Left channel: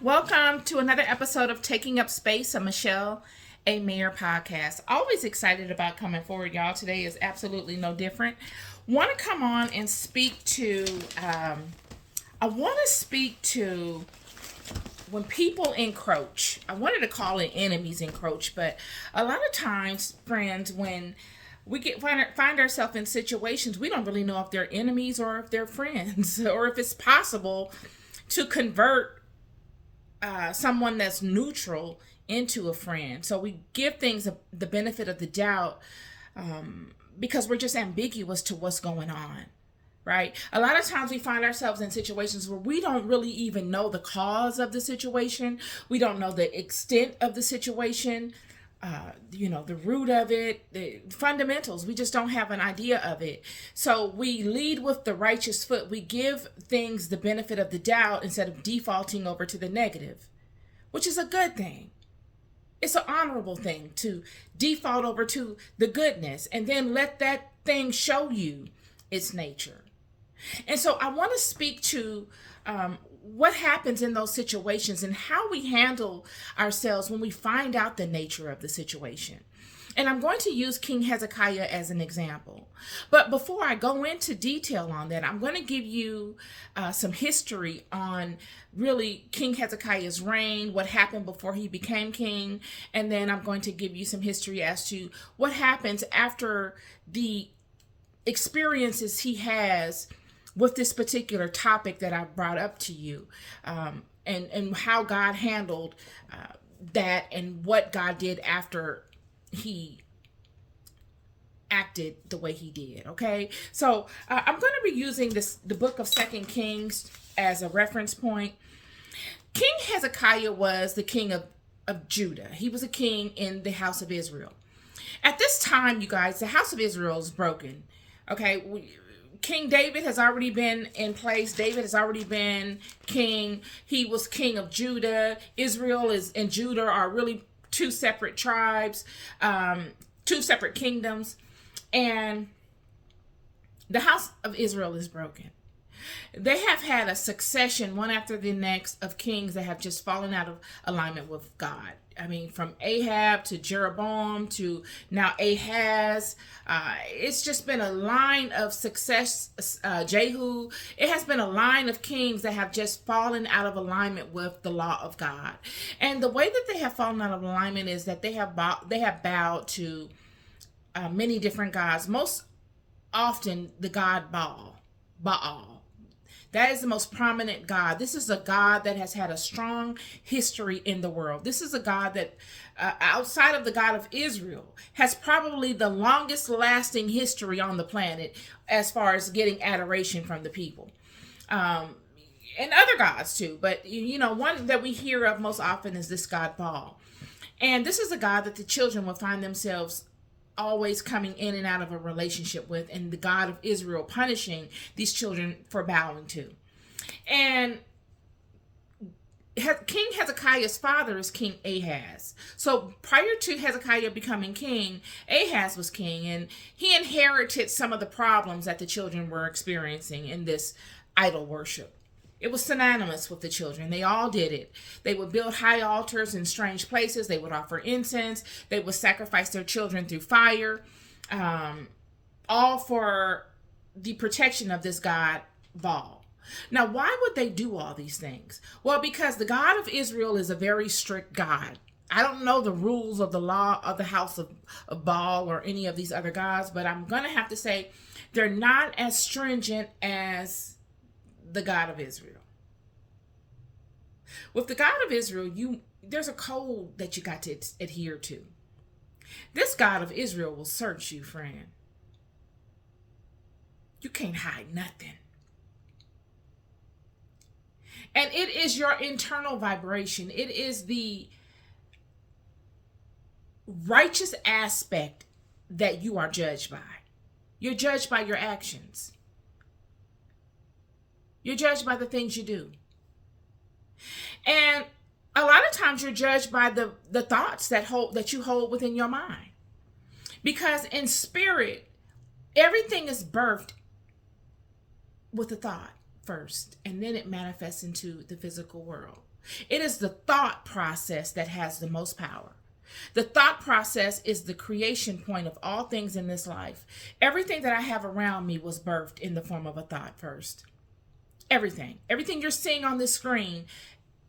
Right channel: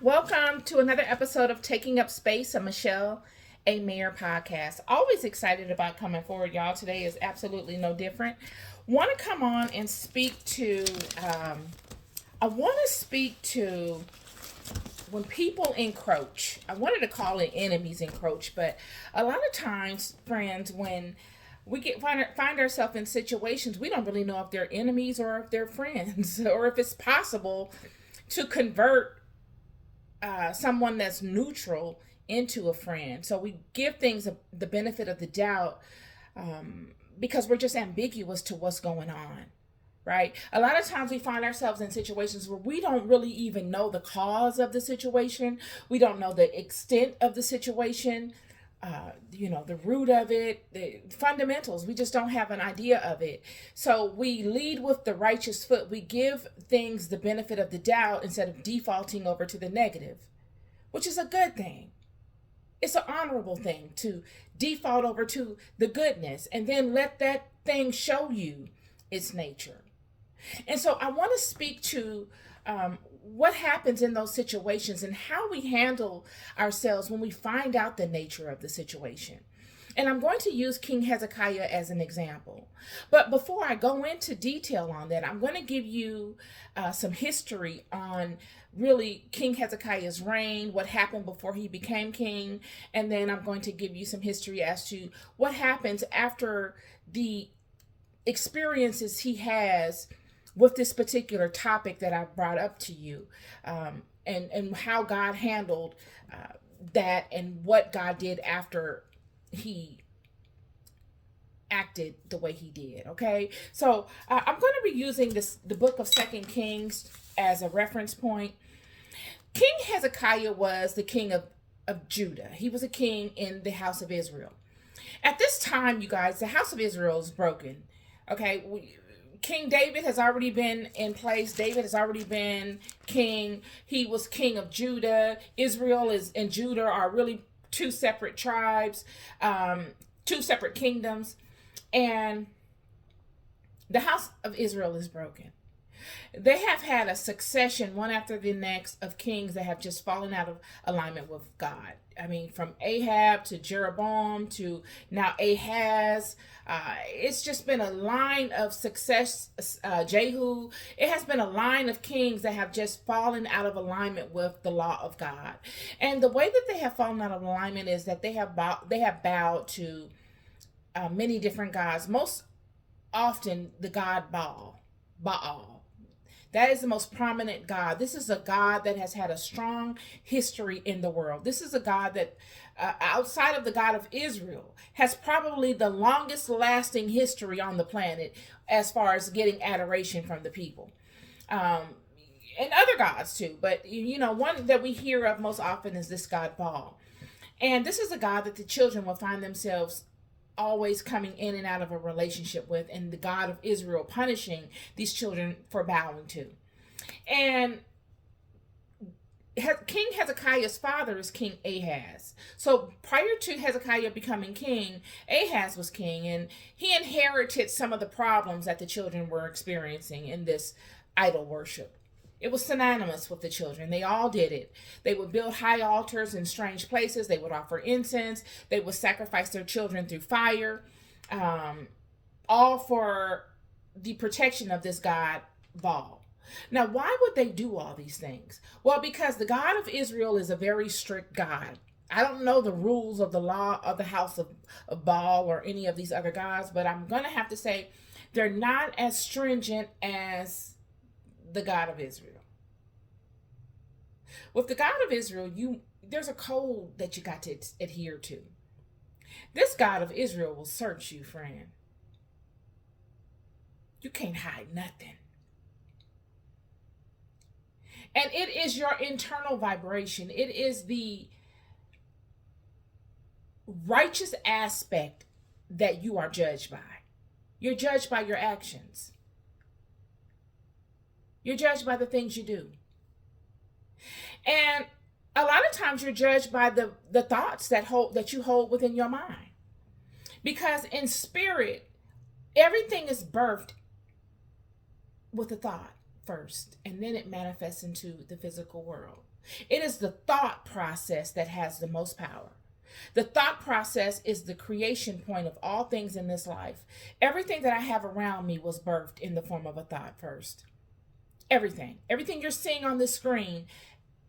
Welcome to another episode of Taking Up Space, a Michelle A. Mayer podcast. Always excited about coming forward, y'all. Today is absolutely no different. Want to come on and speak to, I want to speak to when people encroach. I wanted to call it enemies encroach, but a lot of times, friends, when we find ourselves in situations, we don't really know if they're enemies or if they're friends, or if it's possible to convert someone that's neutral into a friend. So we give things the benefit of the doubt because we're just ambiguous to what's going on, right? A lot of times we find ourselves in situations where we don't really even know the cause of the situation. We don't know the extent of the situation, the root of it, the fundamentals. We just don't have an idea of it. So we lead with the righteous foot. We give things the benefit of the doubt instead of defaulting over to the negative, which is a good thing. It's an honorable thing to default over to the goodness and then let that thing show you its nature. And so I want to speak to what happens in those situations and how we handle ourselves when we find out the nature of the situation. And I'm going to use King Hezekiah as an example. But before I go into detail on that, I'm going to give you some history on really King Hezekiah's reign, what happened before he became king, and then I'm going to give you some history as to what happens after the experiences he has with this particular topic that I brought up to you, and how God handled that and what God did after he acted the way he did. Okay, so I'm going to be using the book of Second Kings as a reference point. King Hezekiah was the king of Judah. He was a king in the house of Israel. At this time, you guys, the house of Israel is broken. Okay, King David has already been in place. David has already been king. He was king of Judah. Israel and Judah are really two separate tribes, two separate kingdoms. And the house of Israel is broken. They have had a succession, one after the next, of kings that have just fallen out of alignment with God. I mean, from Ahab to Jeroboam to now Ahaz. It's just been a line of success. Jehu. It has been a line of kings that have just fallen out of alignment with the law of God. And the way that they have fallen out of alignment is that they have bowed to many different gods. Most often, the god Baal. That is the most prominent God. This is a God that has had a strong history in the world. This is a God that, outside of the God of Israel, has probably the longest lasting history on the planet as far as getting adoration from the people. And other gods too. But, one that we hear of most often is this God Baal. And this is a God that the children will find themselves always coming in and out of a relationship with, and the God of Israel punishing these children for bowing to. And King Hezekiah's father is King Ahaz. So prior to Hezekiah becoming king, Ahaz was king, and he inherited some of the problems that the children were experiencing in this idol worship. It was synonymous with the children. They all did it. They would build high altars in strange places. They would offer incense. They would sacrifice their children through fire, all for the protection of this god Baal. Now, why would they do all these things? Well, because the God of Israel is a very strict God. I don't know the rules of the law of the house of Baal or any of these other gods, but I'm going to have to say they're not as stringent as the God of Israel. With the God of Israel, there's a code that you got to adhere to. This God of Israel will search you, friend. You can't hide nothing. And it is your internal vibration. It is the righteous aspect that you are judged by. You're judged by your actions. You're judged by the things you do. And a lot of times you're judged by the thoughts that you hold within your mind. Because in spirit, everything is birthed with a thought. first, and then it manifests into the physical world. It is the thought process that has the most power. The thought process is the creation point of all things in this life. Everything that I have around me was birthed in the form of a thought first. Everything you're seeing on the screen,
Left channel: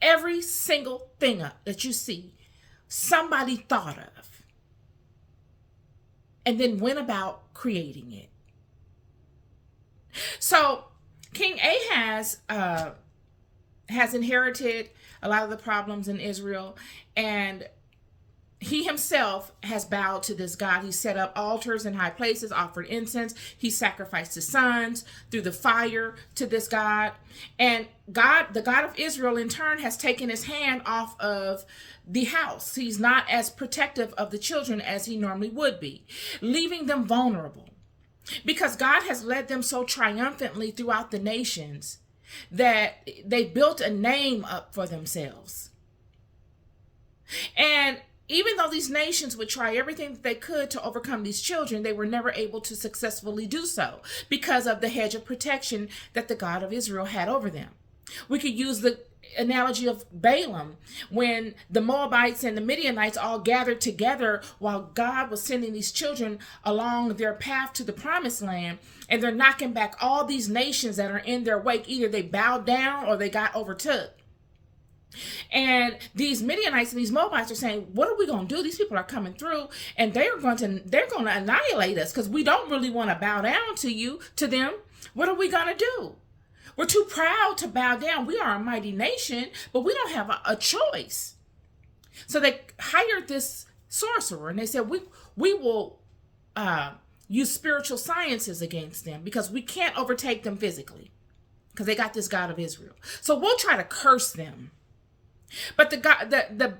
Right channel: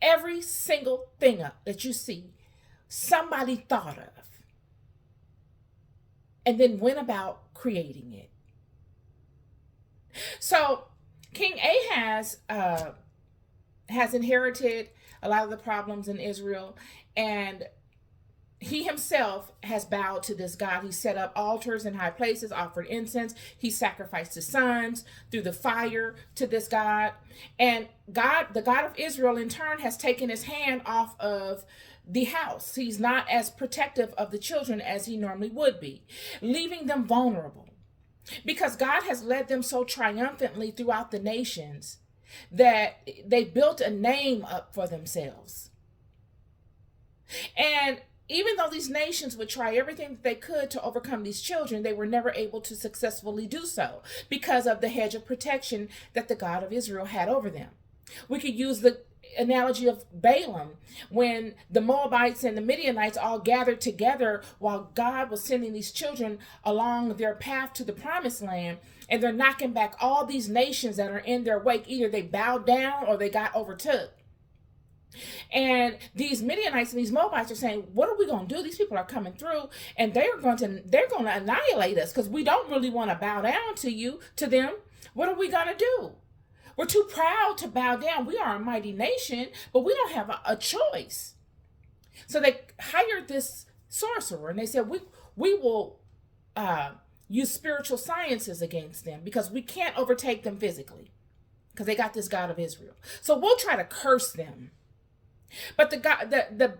every single thing that you see, somebody thought of and then went about creating it. So King Ahaz has inherited a lot of the problems in Israel, and he himself has bowed to this God. He set up altars in high places, offered incense. He sacrificed his sons through the fire to this God. And God, the God of Israel, in turn, has taken his hand off of the house. He's not as protective of the children as he normally would be, leaving them vulnerable. Because God has led them so triumphantly throughout the nations that they built a name up for themselves. And even though these nations would try everything that they could to overcome these children, they were never able to successfully do so because of the hedge of protection that the God of Israel had over them. We could use the analogy of Balaam, when the Moabites and the Midianites all gathered together while God was sending these children along their path to the promised land, and they're knocking back all these nations that are in their wake. Either they bowed down or they got overtook. And these Midianites and these Moabites are saying, what are we going to do? These people are coming through and they're going to annihilate us because we don't really want to bow down to them. What are we going to do? We're too proud to bow down. We are a mighty nation, but we don't have a choice. So they hired this sorcerer and they said, we will use spiritual sciences against them because we can't overtake them physically because they got this God of Israel. So we'll try to curse them. But the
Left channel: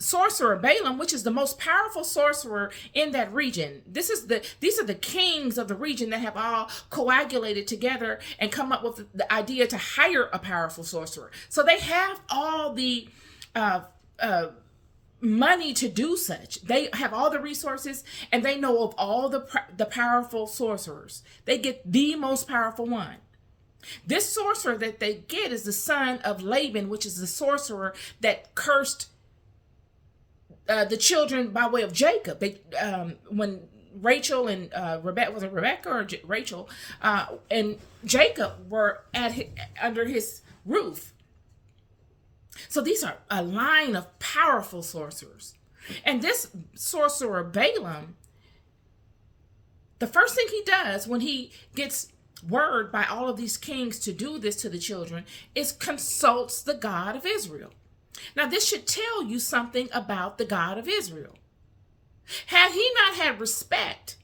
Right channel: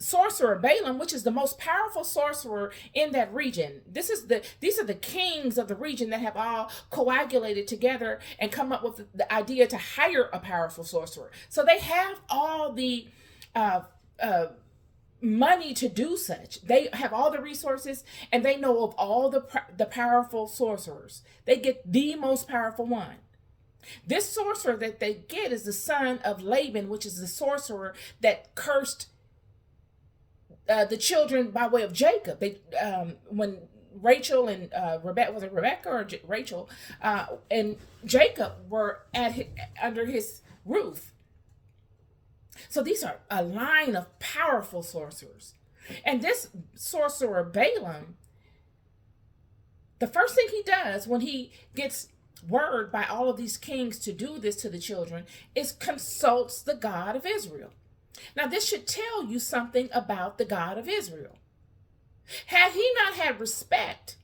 sorcerer Balaam, which is the most powerful sorcerer in that region, these are the kings of the region that have all coagulated together and come up with the idea to hire a powerful sorcerer. So they have all the money to do such. They have all the resources and they know of all the powerful sorcerers. They get the most powerful one. This sorcerer that they get is the son of Laban, which is the sorcerer that cursed the children by way of Jacob. When Rachel and Rebecca, was it Rebecca or Rachel, and Jacob were under his roof. So these are a line of powerful sorcerers. And this sorcerer Balaam, the first thing he does when he gets word by all of these kings to do this to the children is consults the God of Israel. Now this should tell you something about the God of Israel. Had he not had respect,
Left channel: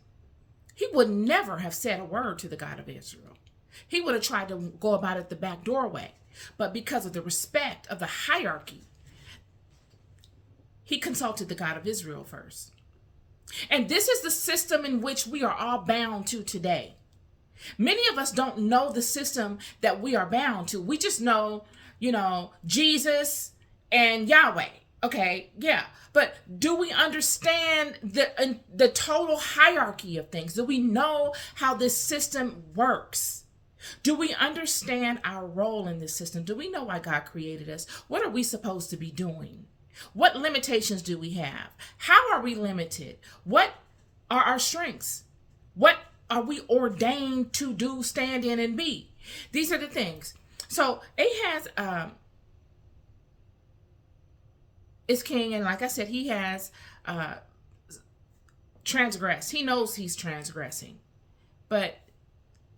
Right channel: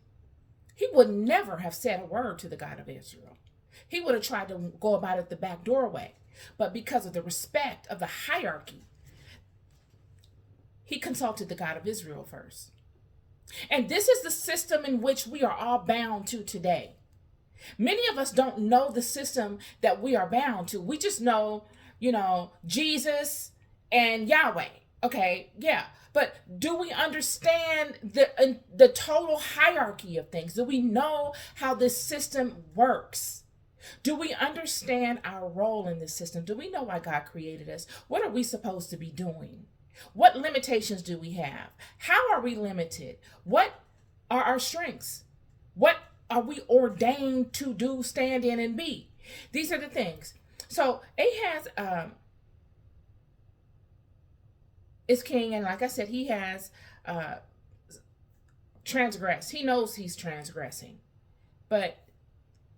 he would never have said a word to the God of Israel. He would have tried to go about it the back doorway. But because of the respect of the hierarchy, he consulted the God of Israel first. And this is the system in which we are all bound to today. Many of us don't know the system that we are bound to. We just know, Jesus and Yahweh. Okay, yeah. But do we understand the total hierarchy of things? Do we know how this system works? Do we understand our role in this system? Do we know why God created us? What are we supposed to be doing? What limitations do we have? How are we limited? What are our strengths? What are we ordained to do, stand in, and be? These are the things. So Ahaz is king, and like I said, he has transgressed. He knows he's transgressing, but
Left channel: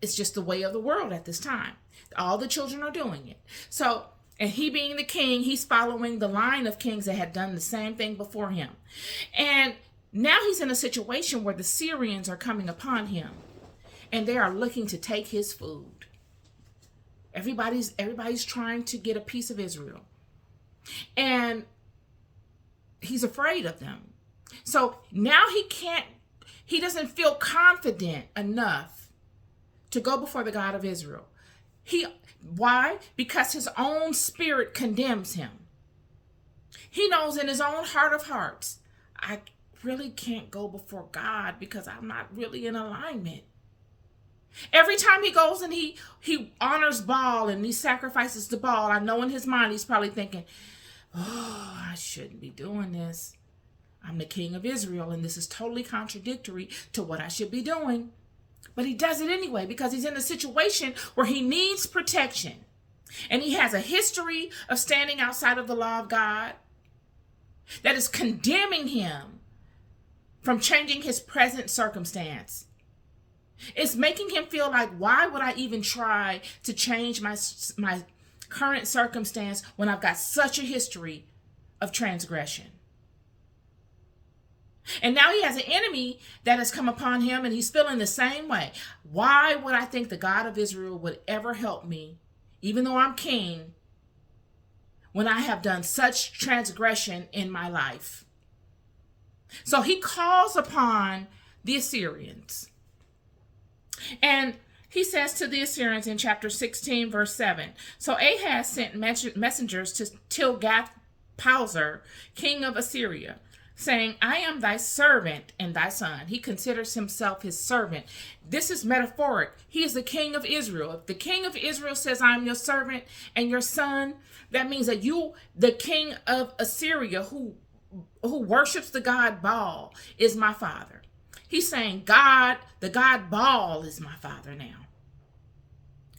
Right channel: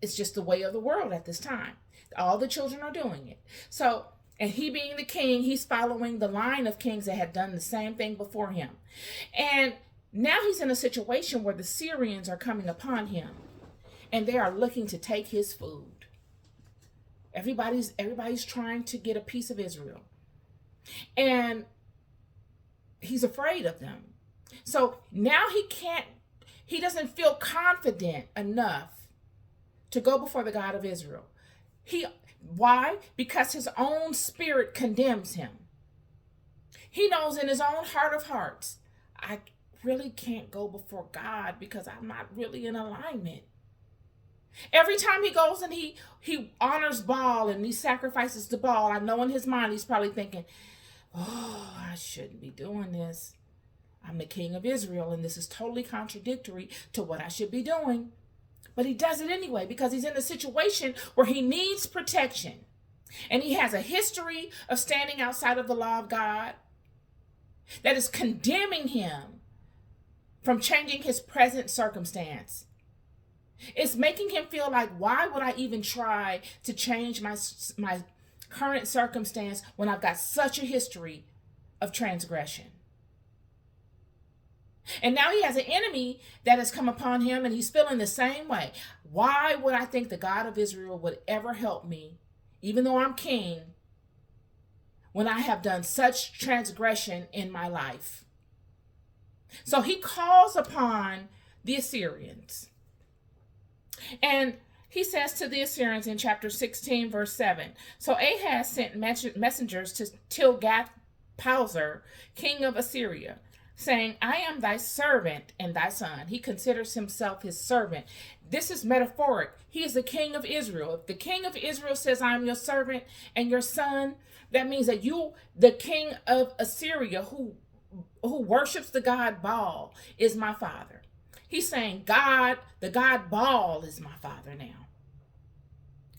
it's just the way of the world at this time. All the children are doing it. So, and he being the king, he's following the line of kings that had done the same thing before him. And now he's in a situation where the Syrians are coming upon him and they are looking to take his food. Everybody's trying to get a piece of Israel. And he's afraid of them. So now he doesn't feel confident enough to go before the God of Israel. Why? Because his own spirit condemns him. He knows in his own heart of hearts, I really can't go before God because I'm not really in alignment. Every time he goes and he honors Baal and he sacrifices to Baal, I know in his mind he's probably thinking, oh, I shouldn't be doing this. I'm the king of Israel, and this is totally contradictory to what I should be doing. But he does it anyway because he's in a situation where he needs protection. And he has a history of standing outside of the law of God that is condemning him from changing his present circumstance. It's making him feel like, why would I even try to change my current circumstance when I've got such a history of transgression? And now he has an enemy that has come upon him, and he's feeling the same way. Why would I think the God of Israel would ever help me, even though I'm king, when I have done such transgression in my life? So he calls upon the Assyrians. And he says to the Assyrians in chapter 16, verse 7, so Ahaz sent messengers to Tilgath-Pilzer, king of Assyria, saying, I am thy servant and thy son. He considers himself his servant. This is metaphoric. He is the king of Israel. If the king of Israel says, I am your servant and your son, that means that you, the king of Assyria, who worships the god Baal, is my father. He's saying, God, the god Baal is my father now,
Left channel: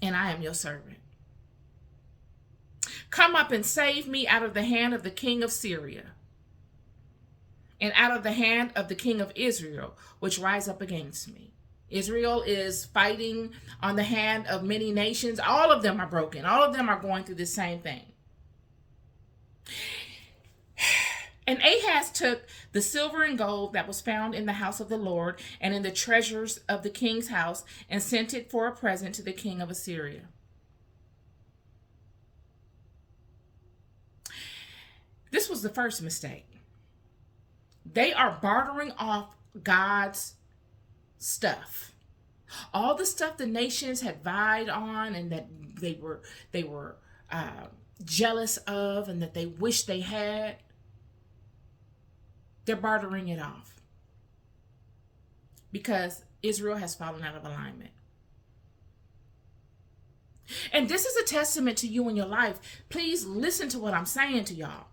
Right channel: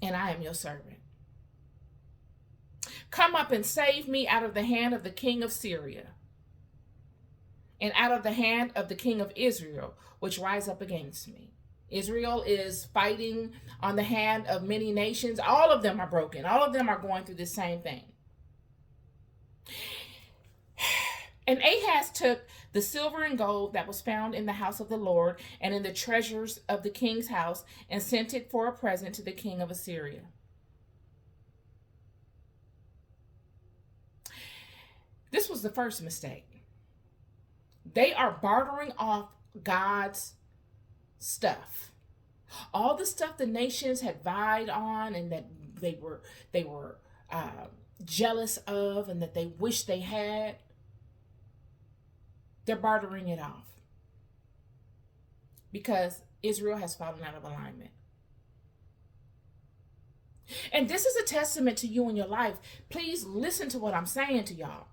and I am your servant. Come up and save me out of the hand of the king of Syria, and out of the hand of the king of Israel, which rise up against me. Israel is fighting on the hand of many nations. All of them are broken. All of them are going through the same thing. And Ahaz took the silver and gold that was found in the house of the Lord and in the treasures of the king's house and sent it for a present to the king of Assyria. This was the first mistake. They are bartering off God's stuff. All the stuff the nations had vied on and that they were jealous of and that they wished they had. They're bartering it off because Israel has fallen out of alignment. And this is a testament to you in your life. Please listen to what I'm saying to y'all.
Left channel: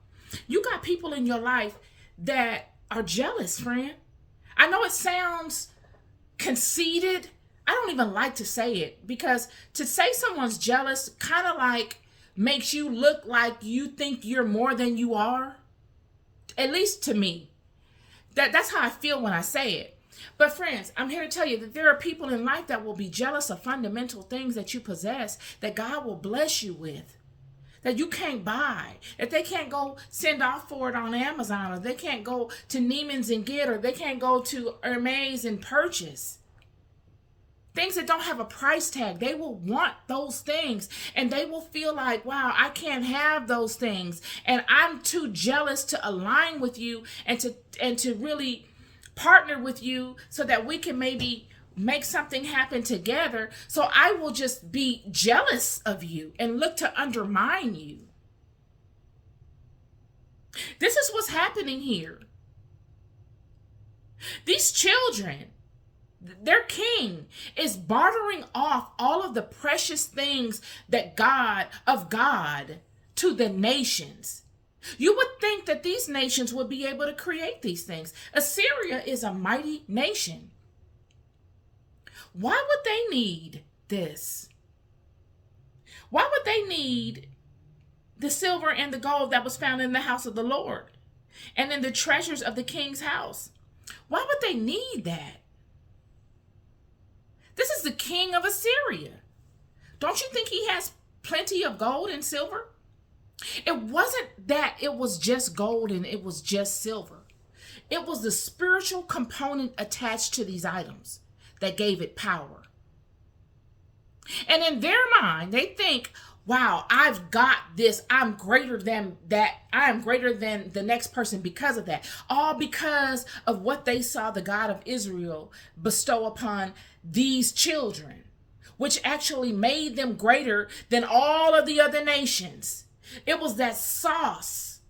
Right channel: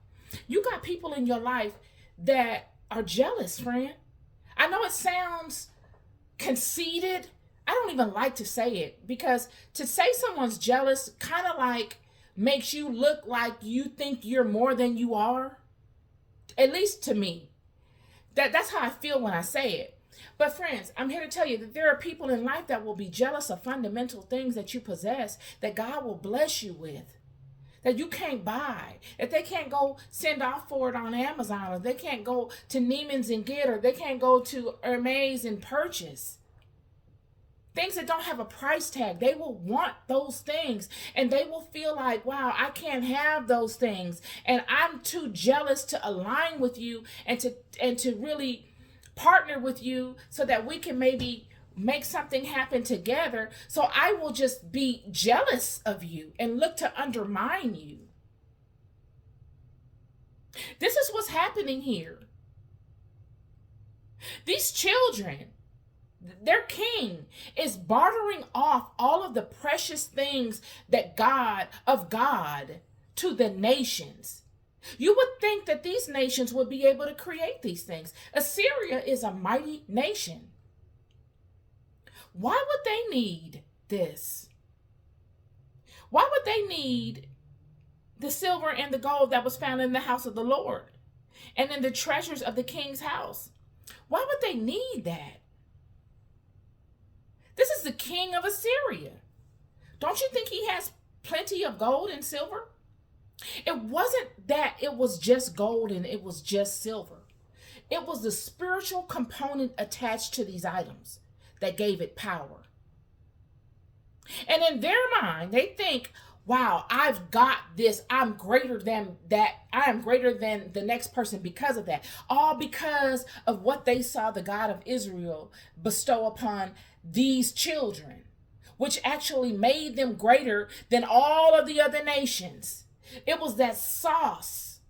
You got people in your life that are jealous, friend. I know it sounds conceited. I don't even like to say it because to say someone's jealous kind of like makes you look like you think you're more than you are. At least to me. That's how I feel when I say it. But friends, I'm here to tell you that there are people in life that will be jealous of fundamental things that you possess that God will bless you with, that you can't buy, that they can't go send off for it on Amazon, or they can't go to Neiman's and get, or they can't go to Hermes and purchase. Things that don't have a price tag. They will want those things and they will feel like, wow, I can't have those things. And I'm too jealous to align with you and to really partner with you so that we can maybe make something happen together. So I will just be jealous of you and look to undermine you. This is what's happening here. These children, their king is bartering off all of the precious things that God to the nations. You would think that these nations would be able to create these things. Assyria is a mighty nation. Why would they need this? Why would they need the silver and the gold that was found in the house of the Lord and in the treasures of the king's house? Why would they need that? This is the king of Assyria. Don't you think he has plenty of gold and silver? It wasn't that it was just gold and it was just silver. It was the spiritual component attached to these items that gave it power. And in their mind, they think, wow, I've got this. I'm greater than that. I am greater than the next person because of that. All because of what they saw the God of Israel bestow upon these children, which actually made them greater than all of the other nations. It was that sauce.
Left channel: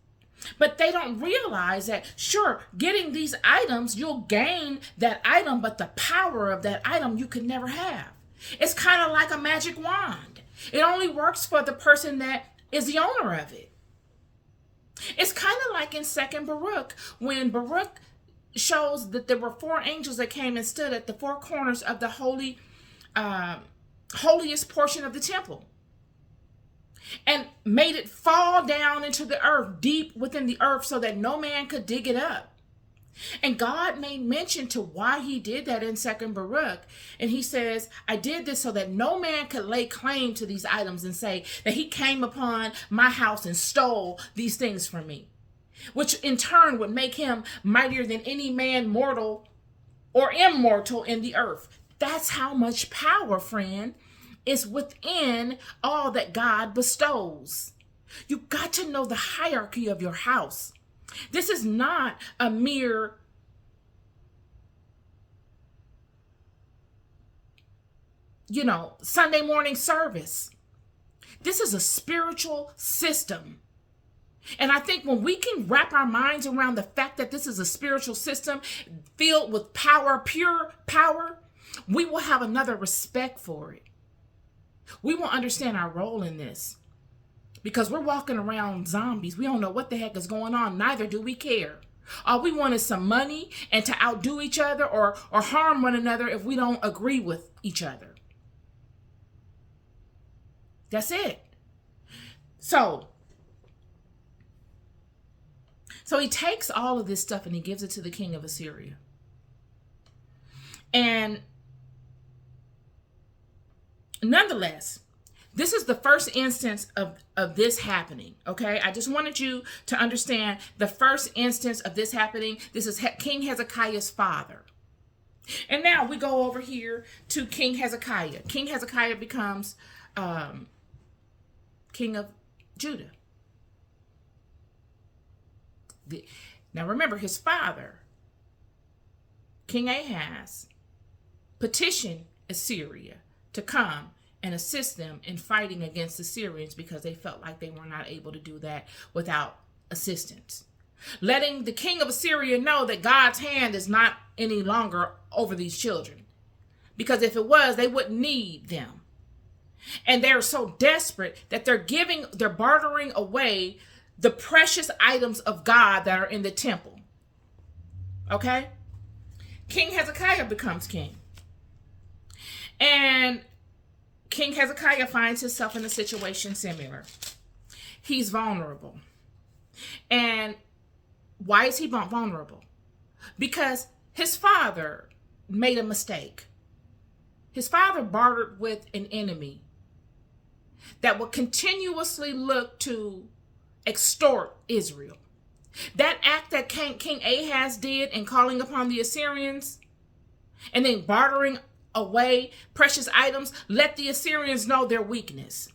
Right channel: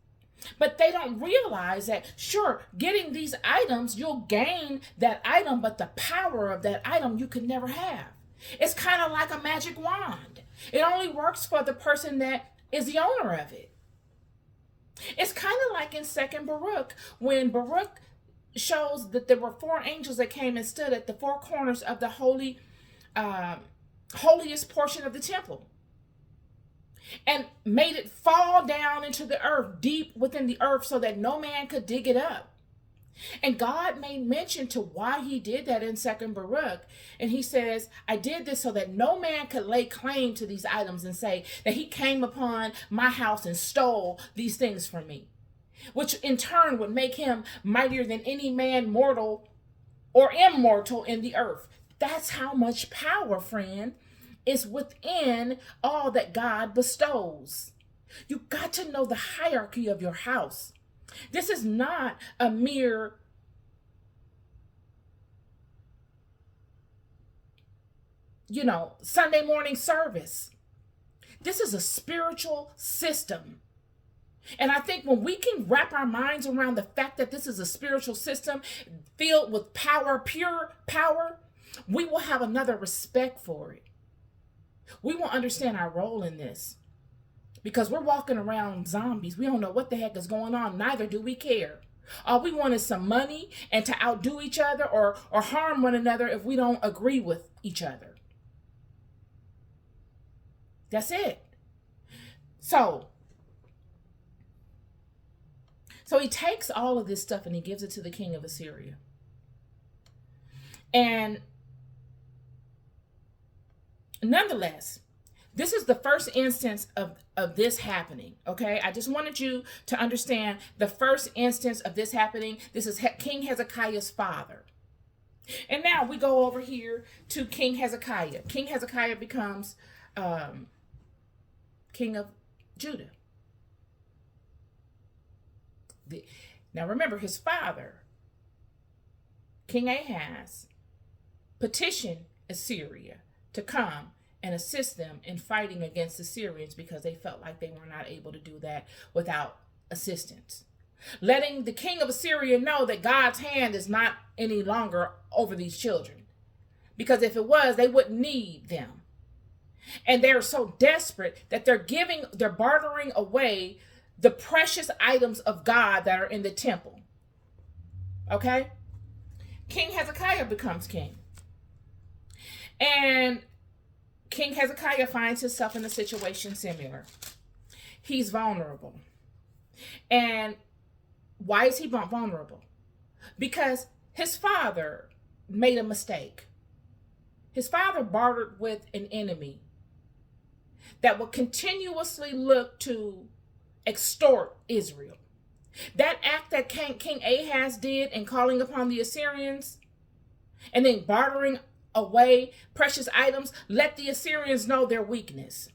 But they don't realize that, sure, getting these items, you'll gain that item, but the power of that item you could never have. It's kind of like a magic wand. It only works for the person that is the owner of it. It's kind of like in 2nd Baruch, when Baruch shows that there were 4 angels that came and stood at the 4 corners of the holiest portion of the temple and made it fall down into the earth, deep within the earth, so that no man could dig it up. And God made mention to why he did that in 2nd Baruch. And he says, I did this so that no man could lay claim to these items and say that he came upon my house and stole these things from me, which in turn would make him mightier than any man mortal or immortal in the earth. That's how much power, friend, is within all that God bestows. You got to know the hierarchy of your house. This is not a mere Sunday morning service. This is a spiritual system. And I think when we can wrap our minds around the fact that this is a spiritual system filled with power, pure power, we will have another respect for it. We will understand our role in this. Because we're walking around zombies. We don't know what the heck is going on. Neither do we care. All we want is some money and to outdo each other or harm one another if we don't agree with each other. That's it. So he takes all of this stuff and he gives it to the king of Assyria. And nonetheless, this is the first instance of this happening, okay? I just wanted you to understand the first instance of this happening. This is King Hezekiah's father. And now we go over here to King Hezekiah. King Hezekiah becomes king of Judah. Now remember, his father, King Ahaz, petitioned Assyria to come and assist them in fighting against the Syrians because they felt like they were not able to do that without assistance. Letting the king of Assyria know that God's hand is not any longer over these children. Because if it was, they wouldn't need them. And they're so desperate that they're bartering away the precious items of God that are in the temple. Okay? King Hezekiah becomes king. And King Hezekiah finds himself in a situation similar. He's vulnerable. And why is he vulnerable? Because his father made a mistake. His father bartered with an enemy that would continuously look to extort Israel. That act that King Ahaz did in calling upon the Assyrians and then bartering away precious items, let the Assyrians know their weakness.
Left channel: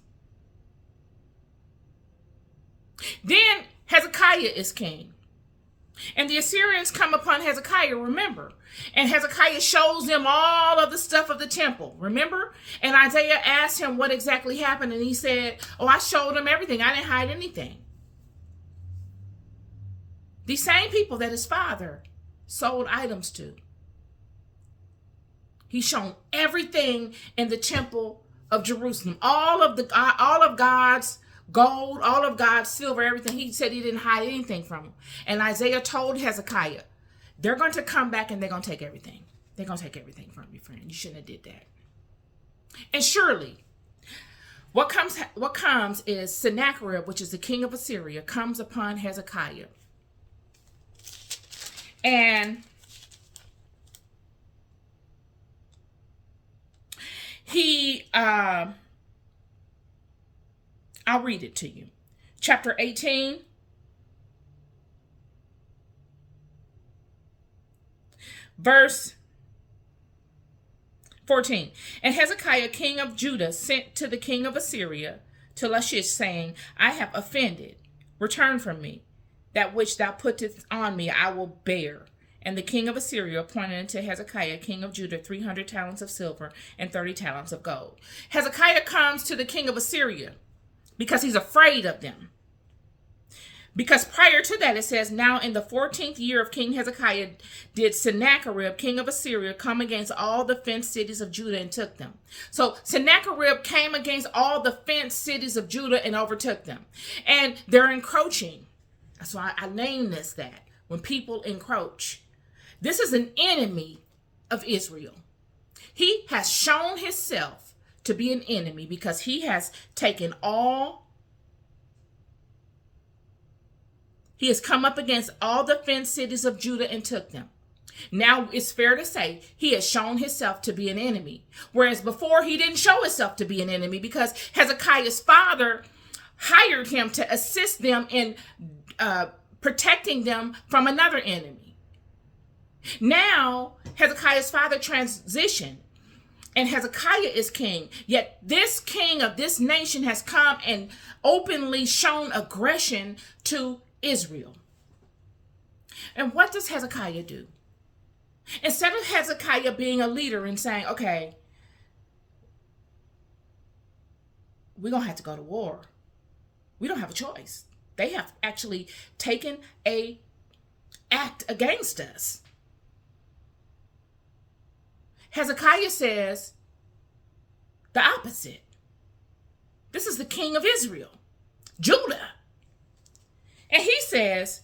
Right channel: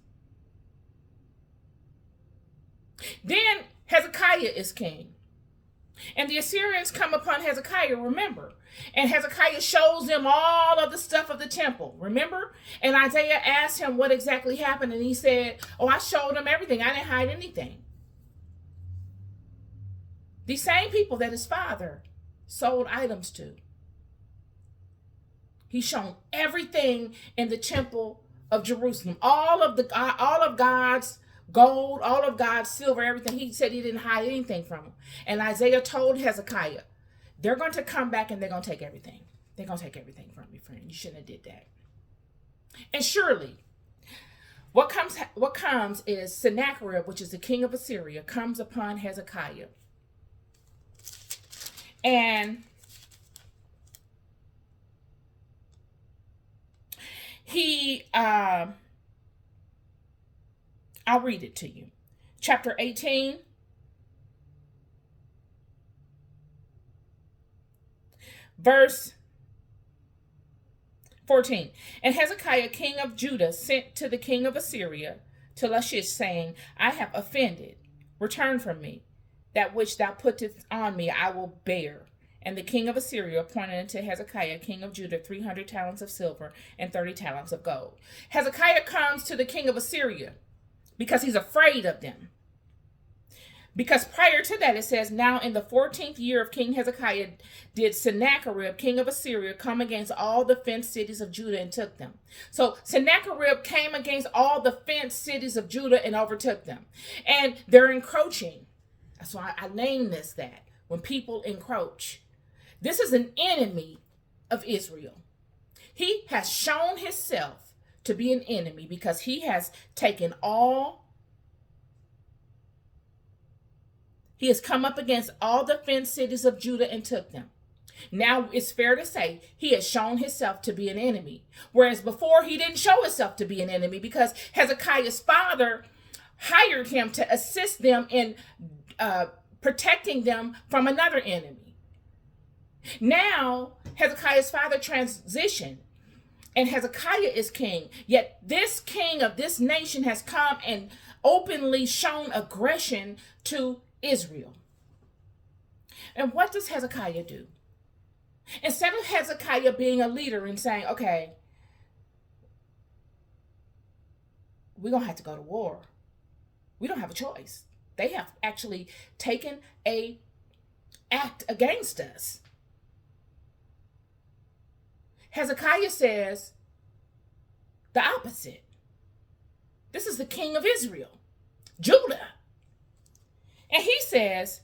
Then Hezekiah is king. And the Assyrians come upon Hezekiah, remember. And Hezekiah shows them all of the stuff of the temple, remember? And Isaiah asked him what exactly happened. And he said, I showed them everything. I didn't hide anything. These same people that his father sold items to. He's shown everything in the temple of Jerusalem. All of God's gold, all of God's silver, everything. He said he didn't hide anything from him. And Isaiah told Hezekiah, they're going to come back and they're going to take everything. They're going to take everything from you, friend. You shouldn't have did that. And surely, what comes is Sennacherib, which is the king of Assyria, comes upon Hezekiah. And I'll read it to you. Chapter 18. Verse 14. And Hezekiah, king of Judah, sent to the king of Assyria, to Lachish, saying, I have offended. Return from me. That which thou puttest on me I will bear. And the king of Assyria appointed unto Hezekiah, king of Judah, 300 talents of silver and 30 talents of gold. Hezekiah comes to the king of Assyria because he's afraid of them. Because prior to that, it says, now in the 14th year of King Hezekiah did Sennacherib, king of Assyria, come against all the fenced cities of Judah and took them. So Sennacherib came against all the fenced cities of Judah and overtook them. And they're encroaching. That's why I named this that. When people encroach. This is an enemy of Israel. He has shown himself to be an enemy because he has taken He has come up against all the fenced cities of Judah and took them. Now it's fair to say he has shown himself to be an enemy. Whereas before he didn't show himself to be an enemy because Hezekiah's father hired him to assist them in protecting them from another enemy. Now Hezekiah's father transitioned and Hezekiah is king. Yet this king of this nation has come and openly shown aggression to Israel. And what does Hezekiah do? Instead of Hezekiah being a leader and saying, okay, we're going to have to go to war. We don't have a choice. They have actually taken an act against us. Hezekiah says the opposite. This is the king of Israel, Judah. And he says,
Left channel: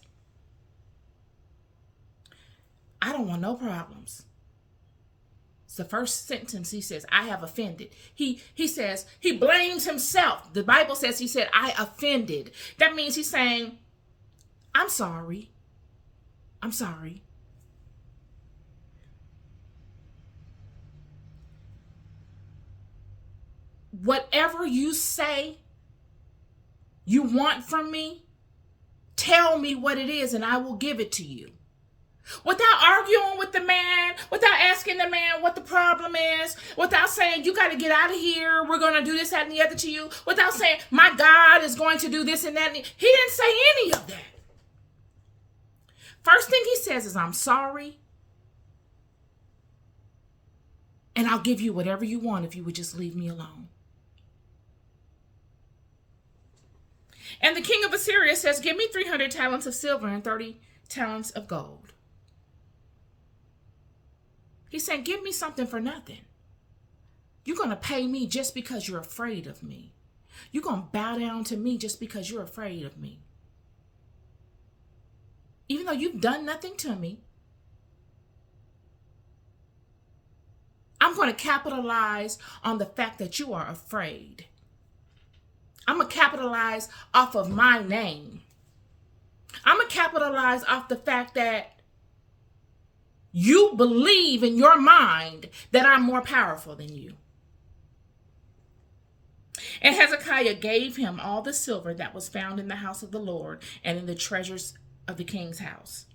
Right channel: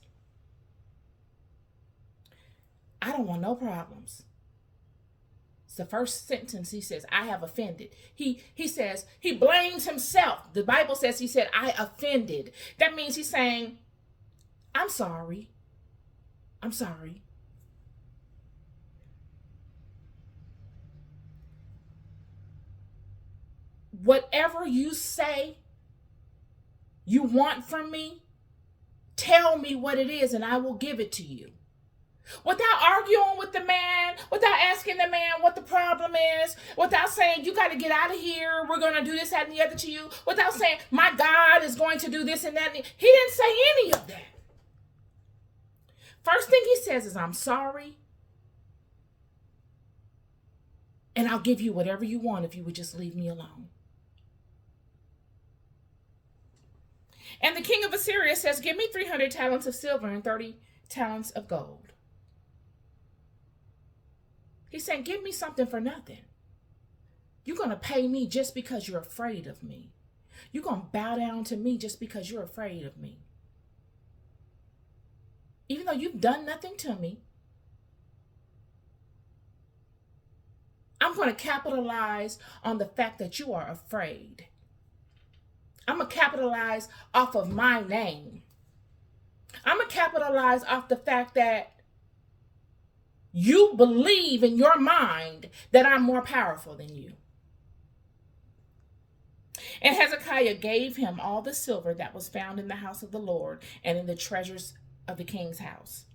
I don't want no problems. It's the first sentence he says, I have offended. He says, he blames himself. The Bible says he said, I offended. That means he's saying, I'm sorry. I'm sorry. Whatever you say you want from me, tell me what it is and I will give it to you. Without arguing with the man, without asking the man what the problem is, without saying, you got to get out of here, we're going to do this, that, and the other to you, without saying, my God is going to do this and that. He didn't say any of that. First thing he says is, I'm sorry, and I'll give you whatever you want if you would just leave me alone. And the king of Assyria says, give me 300 talents of silver and 30 talents of gold. He's saying, give me something for nothing. You're going to pay me just because you're afraid of me. You're going to bow down to me just because you're afraid of me. Even though you've done nothing to me, I'm going to capitalize on the fact that you are afraid. I'm going to capitalize off of my name. I'm going to capitalize off the fact that you believe in your mind that I'm more powerful than you. And Hezekiah gave him all the silver that was found in the house of the Lord and in the treasures of the king's house.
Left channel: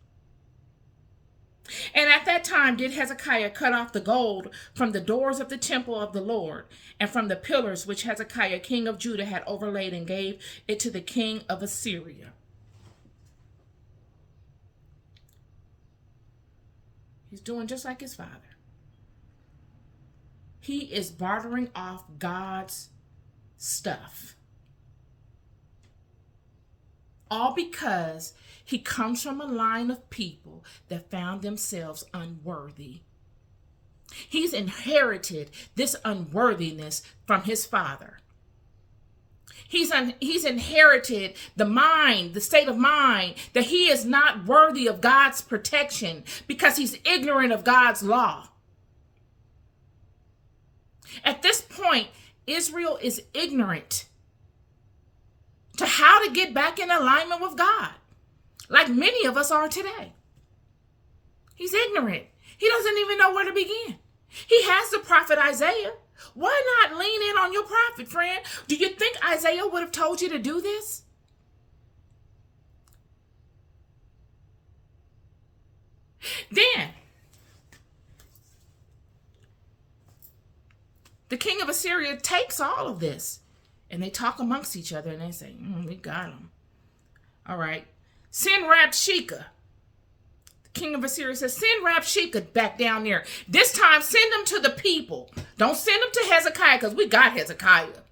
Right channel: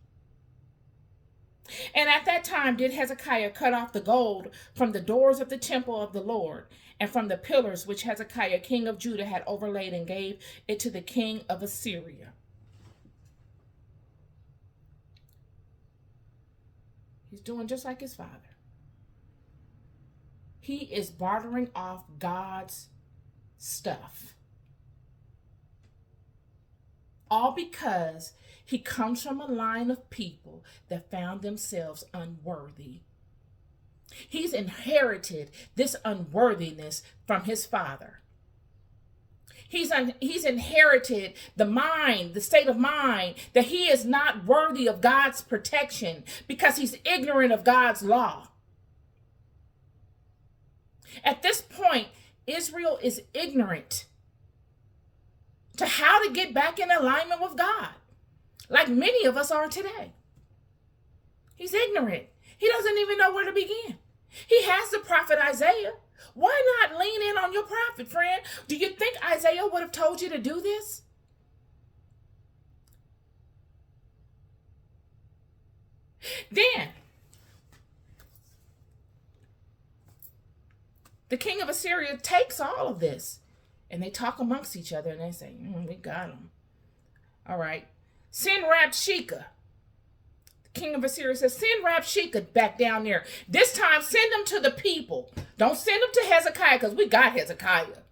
And at that time did Hezekiah cut off the gold from the doors of the temple of the Lord and from the pillars which Hezekiah, king of Judah, had overlaid, and gave it to the king of Assyria. He's doing just like his father. He is bartering off God's stuff. All because he comes from a line of people that found themselves unworthy. He's inherited this unworthiness from his father. He's inherited the state of mind that he is not worthy of God's protection because he's ignorant of God's law. At this point, Israel is ignorant to how to get back in alignment with God, like many of us are today. He's ignorant. He doesn't even know where to begin. He has the prophet Isaiah. Why not lean in on your prophet, friend? Do you think Isaiah would have told you to do this? Then, the king of Assyria takes all of this, and they talk amongst each other, and they say, we got him. All right. Send Rabshakeh. King of Assyria says, send Rabshakeh back down there. This time, send them to the people. Don't send them to Hezekiah because we got Hezekiah.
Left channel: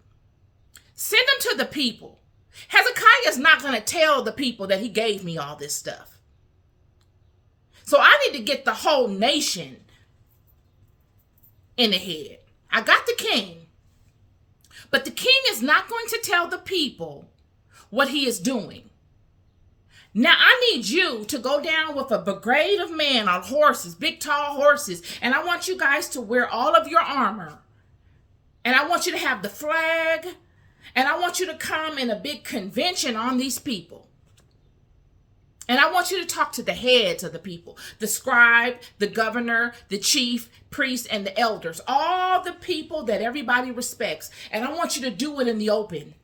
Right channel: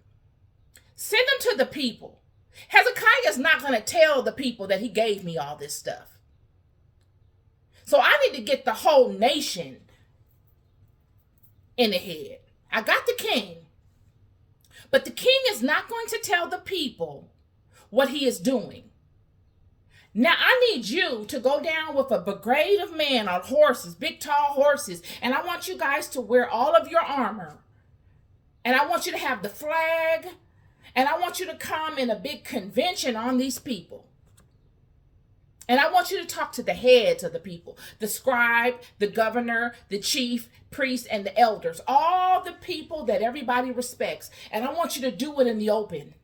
Send them to the people Hezekiah is not going to tell the people that he gave me all this stuff. So I need to get the whole nation in the head. I got the king, but the king is not going to tell the people what he is doing. Now I need you to go down with a brigade of men on horses, big tall horses, and I want you guys to wear all of your armor. And I want you to have the flag, and I want you to come in a big convention on these people. And I want you to talk to the heads of the people, the scribe, the governor, the chief, priest, and the elders, all the people that everybody respects. And I want you to do it in the open.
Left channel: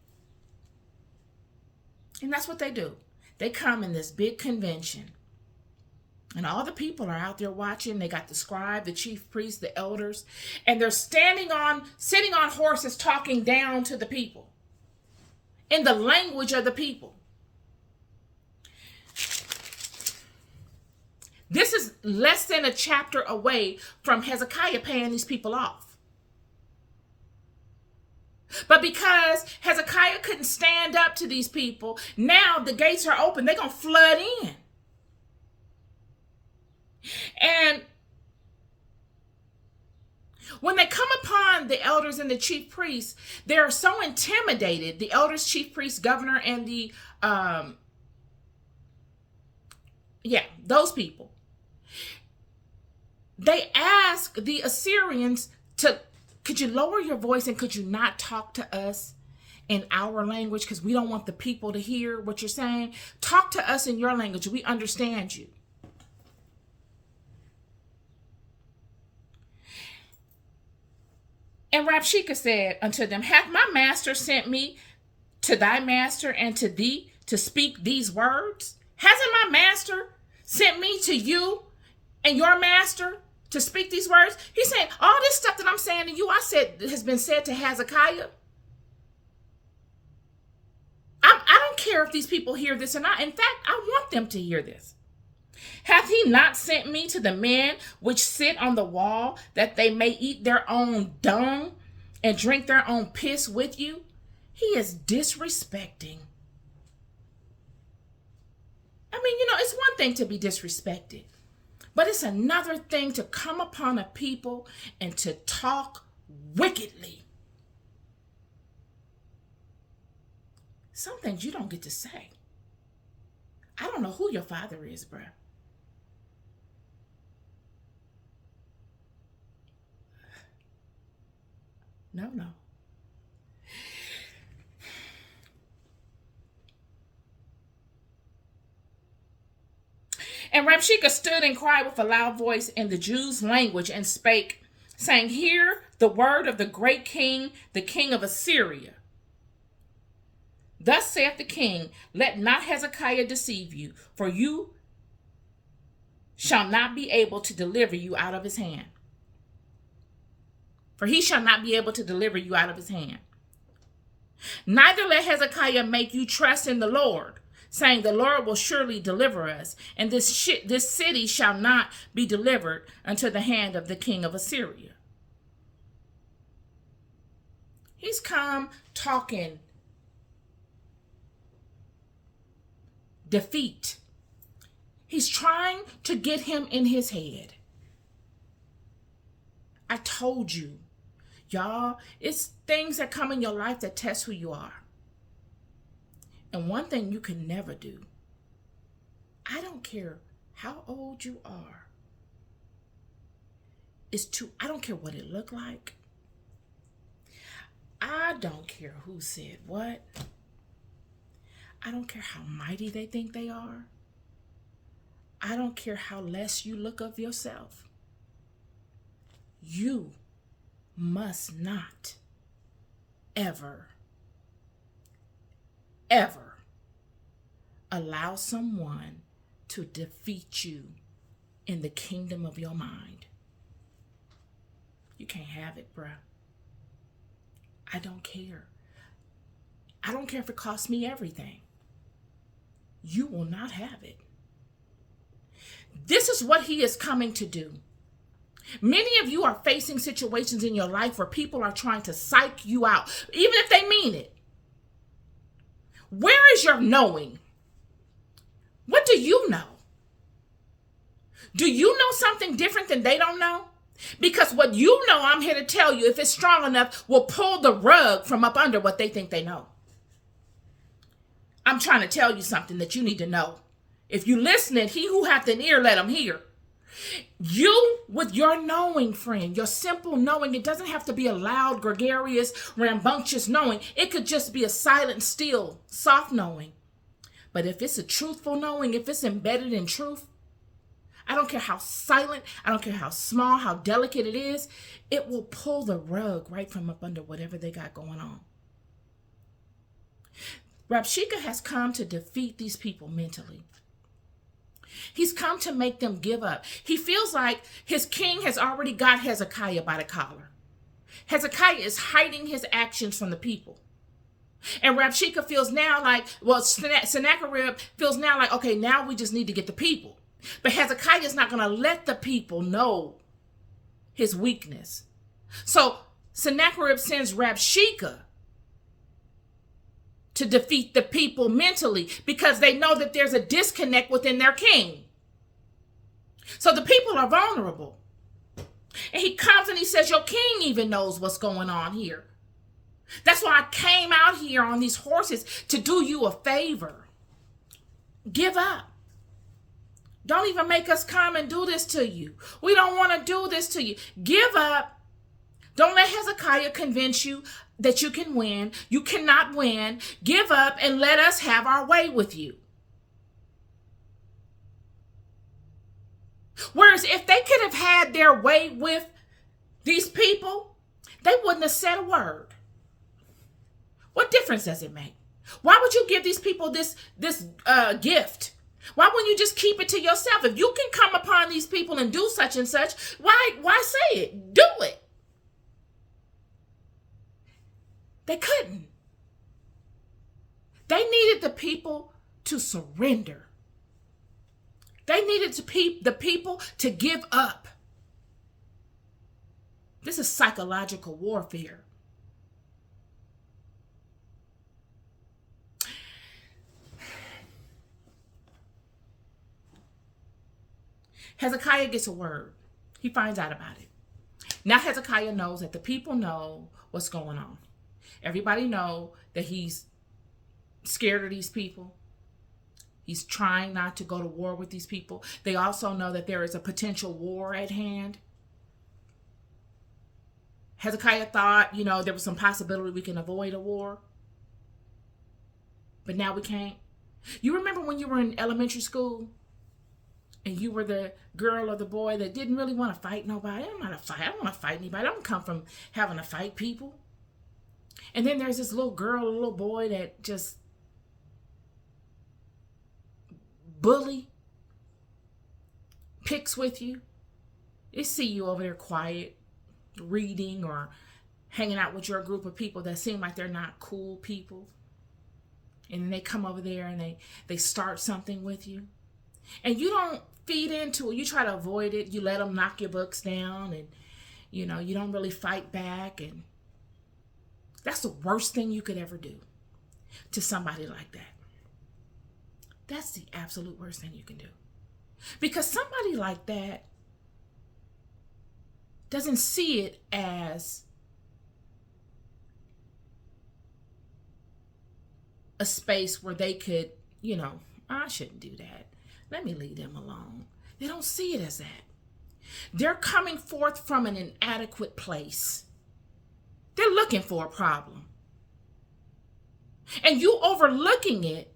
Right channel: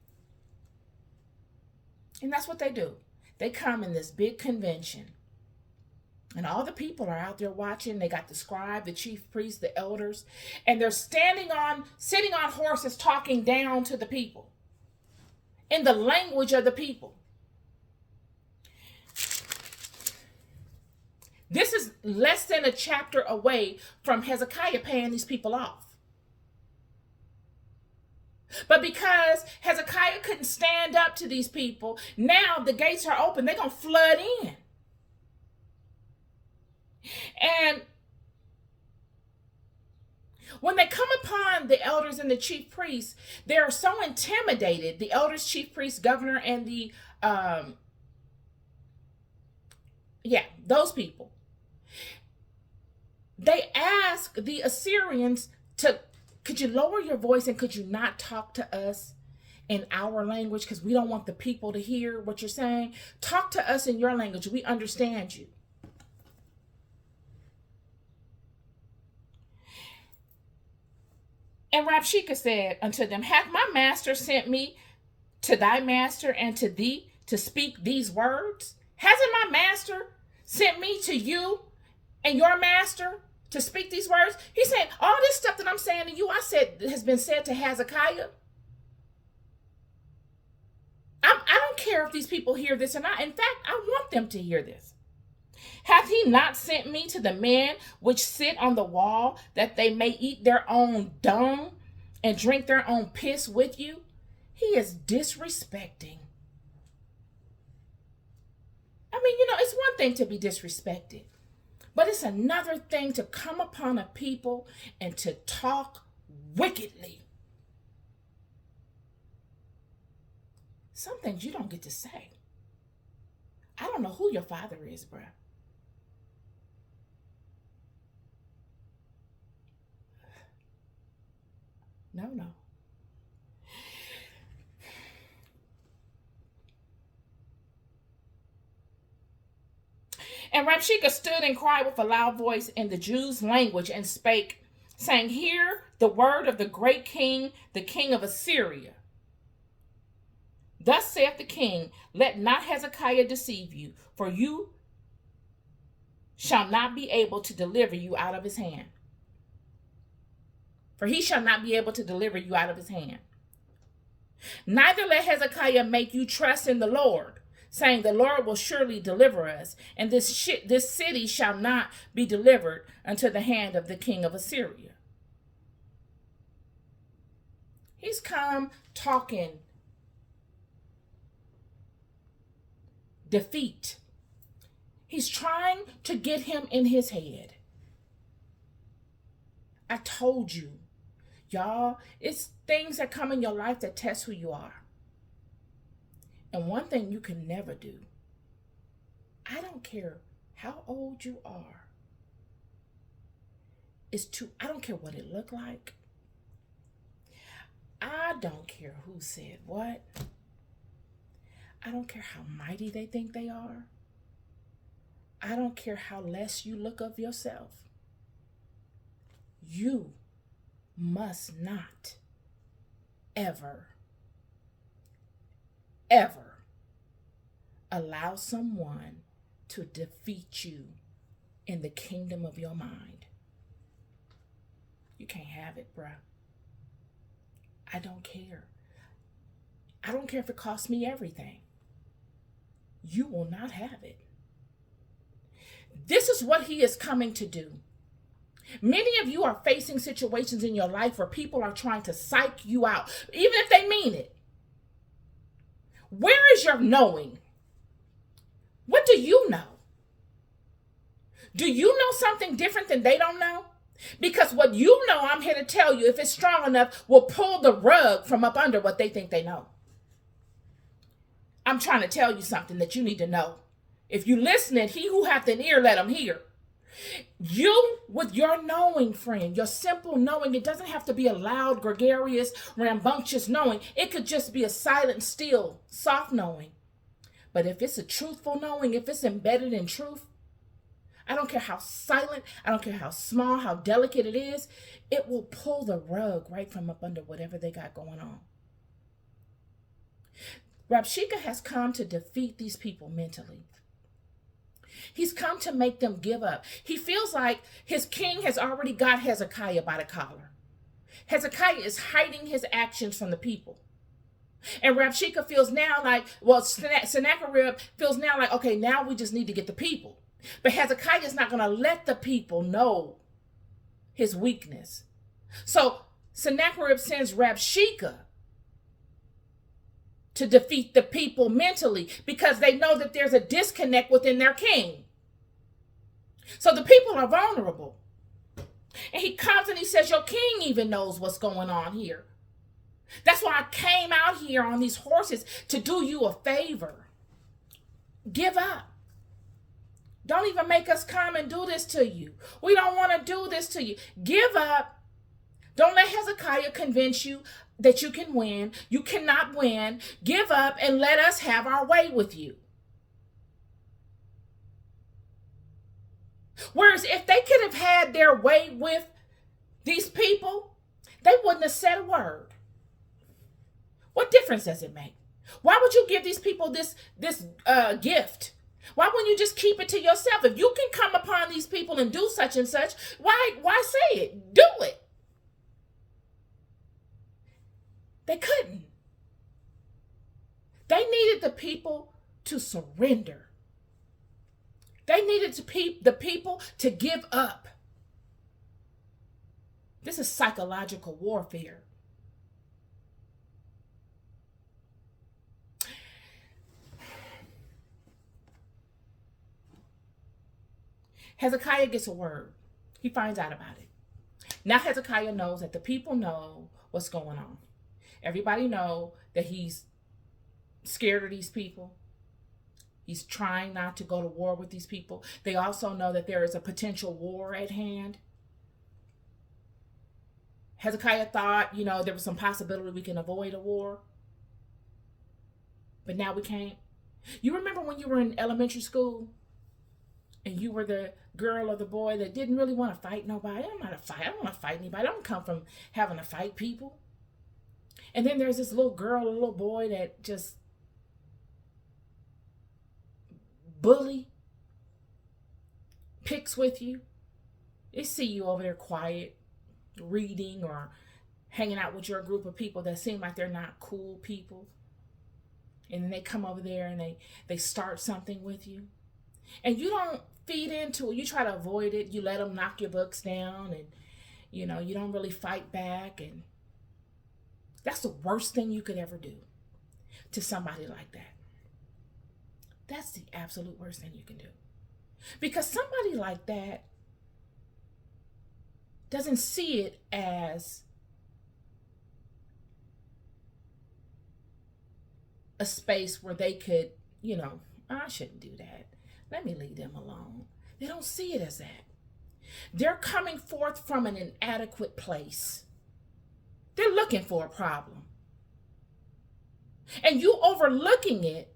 And that's what they do. They come in this big convention. And all the people are out there watching. They got the scribe, the chief priest, the elders. And they're sitting on horses talking down to the people in the language of the people. This is less than a chapter away from Hezekiah paying these people off. But because Hezekiah couldn't stand up to these people, now the gates are open. They're going to flood in. And when they come upon the elders and the chief priests, they're so intimidated. The elders, chief priests, governor, and the, those people. They ask the Assyrians could you lower your voice and could you not talk to us in our language because we don't want the people to hear what you're saying? Talk to us in your language. We understand you. And Rabshakeh said unto them, hath my master sent me to thy master and to thee to speak these words? Hasn't my master sent me to you and your master to speak these words? He's saying, all this stuff that I'm saying to you, I said has been said to Hezekiah. I don't care if these people hear this or not. In fact, I want them to hear this. Hath he not sent me to the men which sit on the wall, that they may eat their own dung and drink their own piss with you? He is disrespecting. I mean, it's one thing to be disrespected, but it's another thing to come upon a people and to talk wickedly. Some things you don't get to say. I don't know who your father is, bruh. No. And Rabshakeh stood and cried with a loud voice in the Jews' language and spake, saying, hear the word of the great king, the king of Assyria. Thus saith the king, let not Hezekiah deceive you, for you shall not be able to deliver you out of his hand. For he shall not be able to deliver you out of his hand. Neither let Hezekiah make you trust in the Lord, saying, the Lord will surely deliver us, and this city shall not be delivered unto the hand of the king of Assyria. He's come talking defeat. He's trying to get him in his head. I told you, y'all, it's things that come in your life that test who you are. And one thing you can never do, I don't care how old you are, I don't care what it looked like. I don't care who said what. I don't care how mighty they think they are. I don't care how less you look of yourself. You must not ever allow someone to defeat you in the kingdom of your mind. You can't have it, bruh. I don't care. I don't care if it costs me everything. You will not have it. This is what he is coming to do. Many of you are facing situations in your life where people are trying to psych you out, even if they mean it. Where is your knowing? What do you know? Do you know something different than they don't know? Because what you know, I'm here to tell you, if it's strong enough, will pull the rug from up under what they think they know. I'm trying to tell you something that you need to know. If you listen, he who hath an ear, let him hear. You, with your knowing, friend, your simple knowing, it doesn't have to be a loud, gregarious, rambunctious knowing. It could just be a silent, still, soft knowing. But if it's a truthful knowing, if it's embedded in truth, I don't care how silent, I don't care how small, how delicate it is, it will pull the rug right from up under whatever they got going on. Rabshakeh has come to defeat these people mentally. He's come to make them give up. He feels like his king has already got Hezekiah by the collar. Hezekiah is hiding his actions from the people. And Rabshakeh feels now like, well, Sennacherib feels now like, okay, now we just need to get the people. But Hezekiah is not going to let the people know his weakness. So Sennacherib sends Rabshakeh to defeat the people mentally because they know that there's a disconnect within their king. So the people are vulnerable. And he comes and he says, your king even knows what's going on here. That's why I came out here on these horses to do you a favor. Give up. Don't even make us come and do this to you. We don't want to do this to you. Give up. Don't let Hezekiah convince you that you can win. You cannot win. Give up and let us have our way with you. Whereas if they could have had their way with these people, they wouldn't have said a word. What difference does it make? Why would you give these people this gift? Why wouldn't you just keep it to yourself? If you can come upon these people and do such and such, why say it? Do it. They couldn't. They needed the people to surrender. They needed the people to give up. This is psychological warfare. Hezekiah gets a word. He finds out about it. Now Hezekiah knows that the people know what's going on. Everybody know that he's scared of these people. He's trying not to go to war with these people. They also know that there is a potential war at hand. Hezekiah thought, there was some possibility we can avoid a war. But now we can't. You remember when you were in elementary school and you were the girl or the boy that didn't really want to fight nobody? I don't want to fight anybody. I don't come from having to fight people. And then there's this little girl, a little boy that just bully, picks with you. They see you over there quiet, reading or hanging out with your group of people that seem like they're not cool people. And then they come over there and they start something with you. And you don't feed into it. You try to avoid it. You let them knock your books down and, you don't really fight back. And that's the worst thing you could ever do to somebody like that. That's the absolute worst thing you can do. Because somebody like that doesn't see it as a space where they could, I shouldn't do that. Let me leave them alone. They don't see it as that. They're coming forth from an inadequate place. They're looking for a problem. And you overlooking it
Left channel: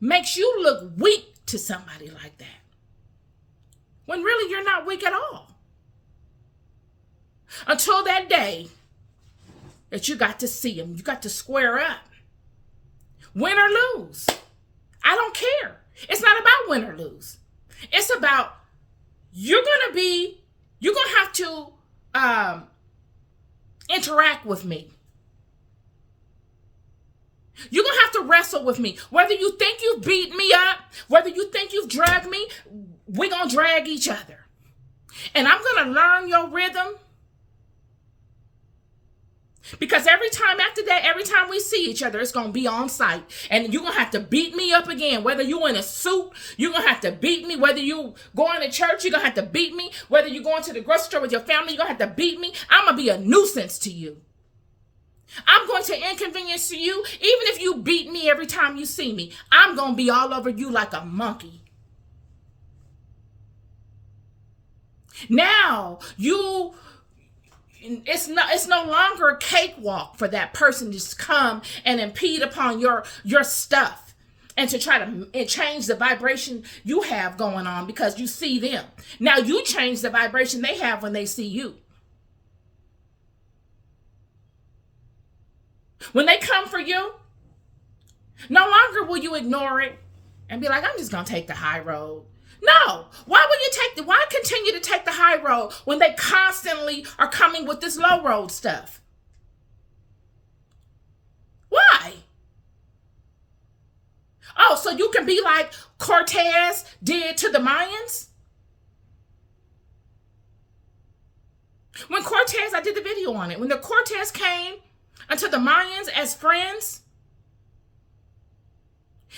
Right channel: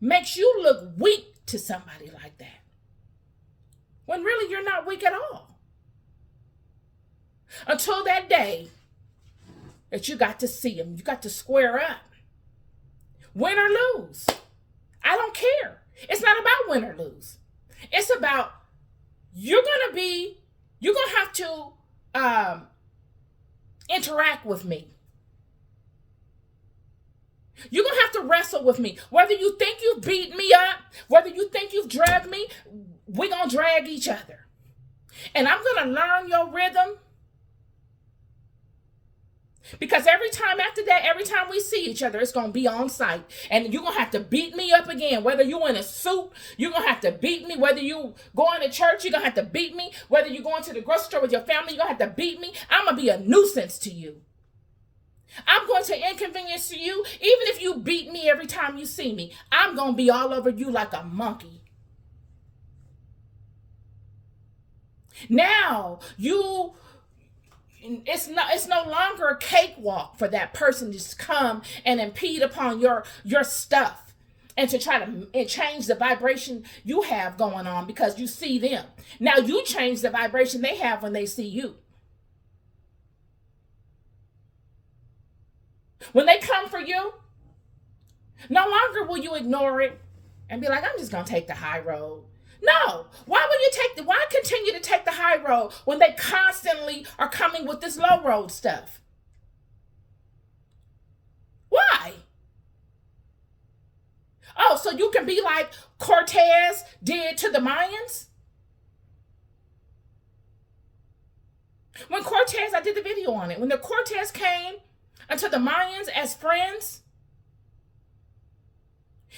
makes you look weak to somebody like that. When really you're not weak at all. Until that day that you got to see them. You got to square up. Win or lose. I don't care. It's not about win or lose. It's about you're going to have to interact with me. You're going to have to wrestle with me. Whether you think you've beat me up, whether you think you've dragged me, we're going to drag each other. And I'm going to learn your rhythm. Because every time after that, every time we see each other, it's going to be on site. And you're going to have to beat me up again. Whether you're in a suit, you're going to have to beat me. Whether you going to church, you're going to have to beat me. Whether you're going to the grocery store with your family, you're going to have to beat me. I'm going to be a nuisance to you. I'm going to inconvenience to you. Even if you beat me every time you see me, I'm going to be all over you like a monkey. Now, it's no longer a cakewalk for that person to just come and impede upon your stuff and to try to change the vibration you have going on because you see them. Now you change the vibration they have when they see you. When they come for you, no longer will you ignore it and be like, I'm just going to take the high road. No. Why continue to take the high road when they constantly are coming with this low road stuff? Why? Oh, so you can be like Cortez did to the Mayans? When Cortez, I did the video on it. When the Cortez came unto the Mayans as friends,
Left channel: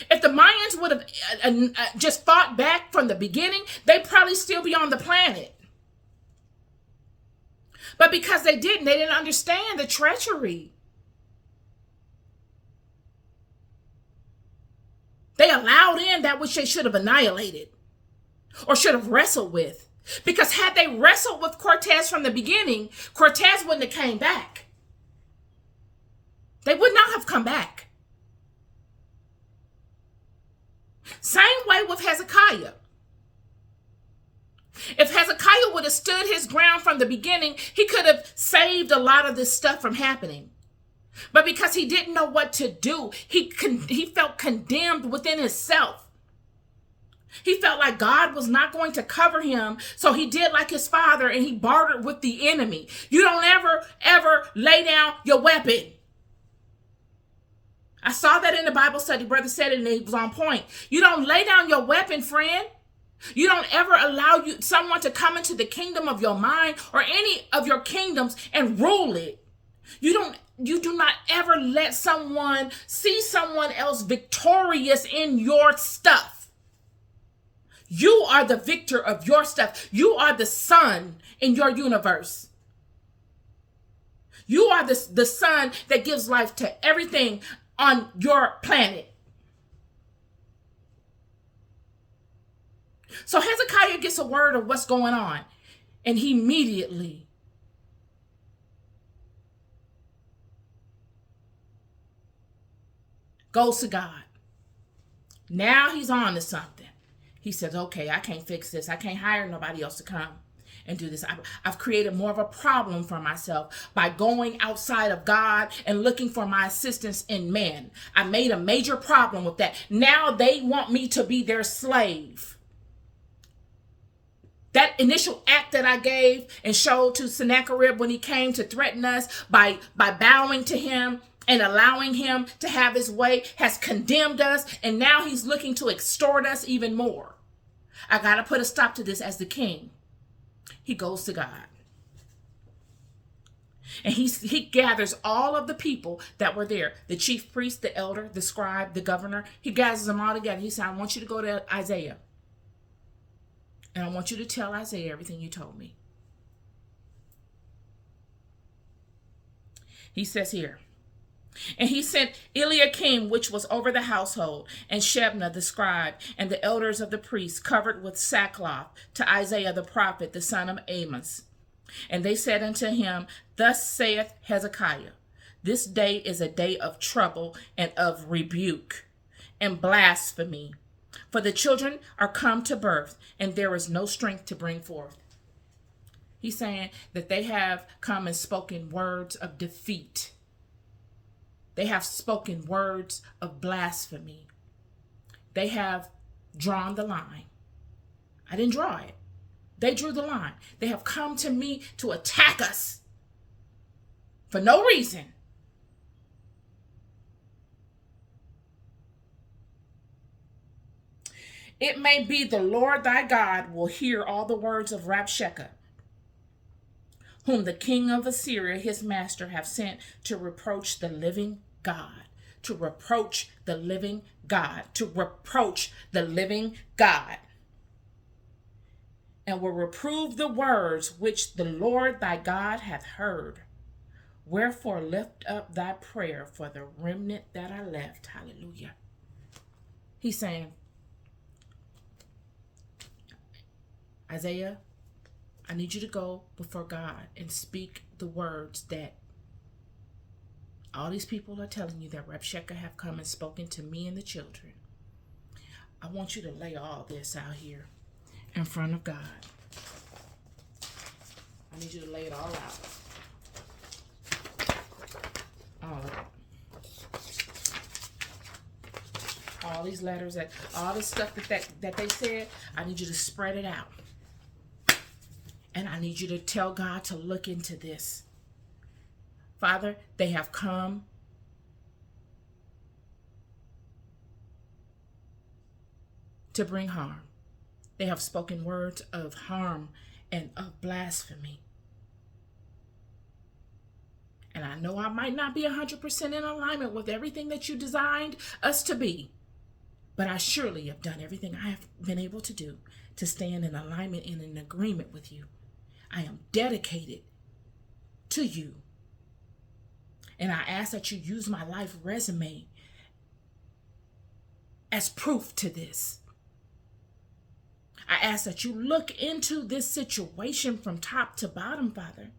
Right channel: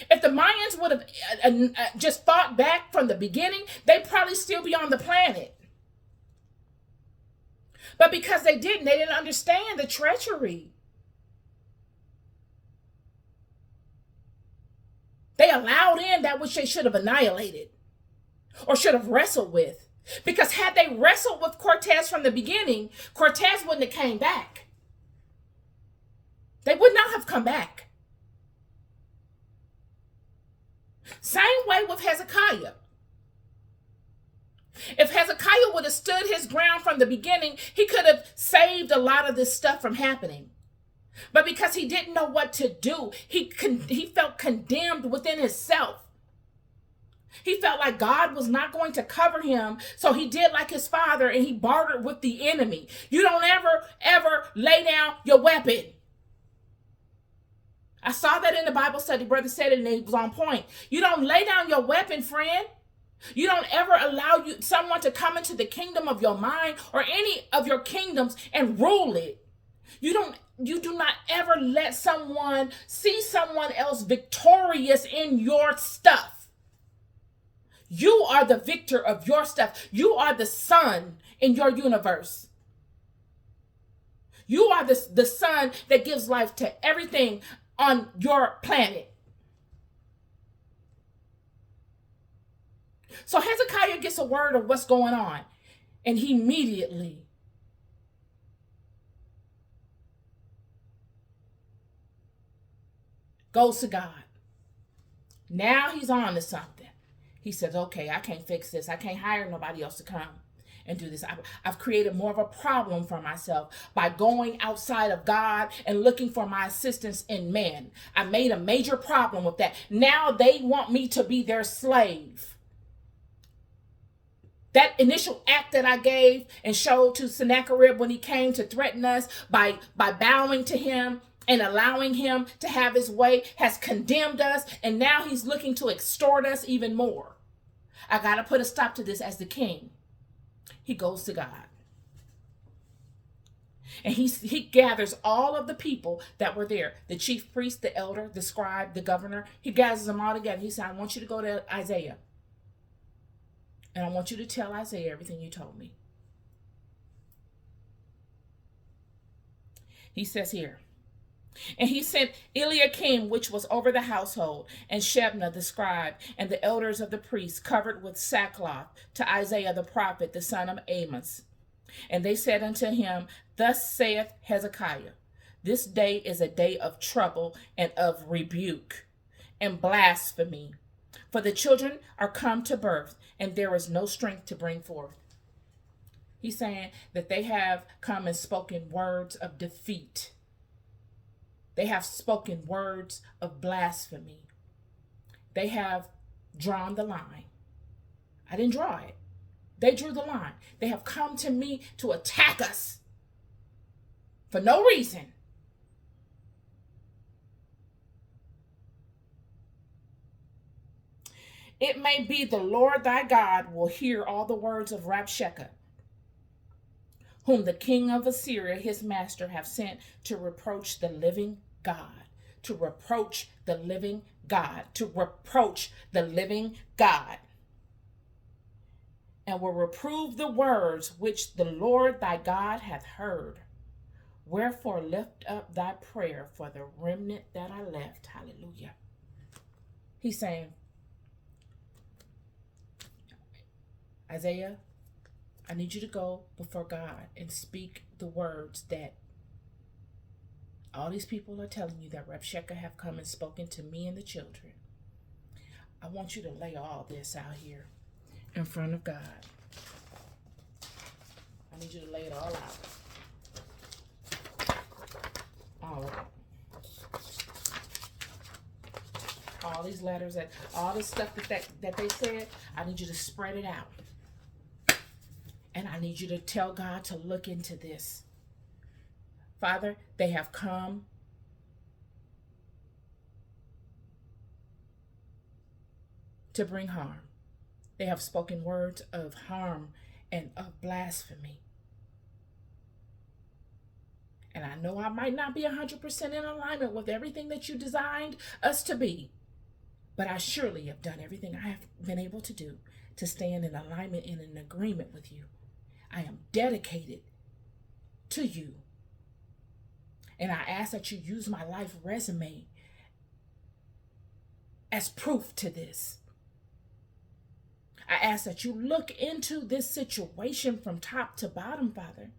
if the Mayans would have just fought back from the beginning, they'd probably still be on the planet. But because they didn't understand the treachery. They allowed in that which they should have annihilated or should have wrestled with. Because had they wrestled with Cortez from the beginning, Cortez wouldn't have came back. They would not have come back. Same way with Hezekiah. If Hezekiah would have stood his ground from the beginning, he could have saved a lot of this stuff from happening. But because he didn't know what to do, he felt condemned within himself. He felt like God was not going to cover him, so he did like his father and he bartered with the enemy. You don't ever lay down your weapon. I saw that in the Bible study. Brother said it and it was on point. You don't lay down your weapon, friend. You don't ever allow someone to come into the kingdom of your mind or any of your kingdoms and rule it. You do not ever let someone see someone else victorious in your stuff. You are the victor of your stuff. You are the sun in your universe. You are the sun that gives life to everything on your planet. So Hezekiah gets a word of what's going on, and he immediately goes to God. Now he's on to something. He says, okay, I can't fix this. I can't hire nobody else to come and do this. I've created more of a problem for myself by going outside of God and looking for my assistance in man. I made a major problem with that. Now they want me to be their slave. That initial act that I gave and showed to Sennacherib when he came to threaten us by bowing to him and allowing him to have his way has condemned us. And now he's looking to extort us even more. I got to put a stop to this as the king. He goes to God. And he gathers all of the people that were there. The chief priest, the elder, the scribe, the governor. He gathers them all together. He said, I want you to go to Isaiah. And I want you to tell Isaiah everything you told me. He says here, and he sent Eliakim, which was over the household, and Shebna the scribe, and the elders of the priests, covered with sackcloth, to Isaiah the prophet, the son of Amos. And they said unto him, Thus saith Hezekiah, This day is a day of trouble and of rebuke and blasphemy. For the children are come to birth, and there is no strength to bring forth. He's saying that they have come and spoken words of defeat. They have spoken words of blasphemy. They have drawn the line. I didn't draw it. They drew the line. They have come to me to attack us for no reason. It may be the Lord thy God will hear all the words of Rabshakeh, whom the king of Assyria, his master, have sent to reproach the living God, to reproach the living God, to reproach the living God, and will reprove the words which the Lord thy God hath heard. Wherefore lift up thy prayer for the remnant that I left. Hallelujah. He's saying, Isaiah, I need you to go before God and speak the words that all these people are telling you that Rabshakeh have come and spoken to me and the children. I want you to lay all this out here in front of God. I need you to lay it all out. All of it. All these letters, all this stuff that they said, I need you to spread it out. And I need you to tell God to look into this. Father, they have come to bring harm. They have spoken words of harm and of blasphemy. And I know I might not be 100% in alignment with everything that you designed us to be, but I surely have done everything I have been able to do to stand in alignment and in agreement with you. I am dedicated to you. And I ask that you use my life resume as proof to this. I ask that you look into this situation from top to bottom, Father.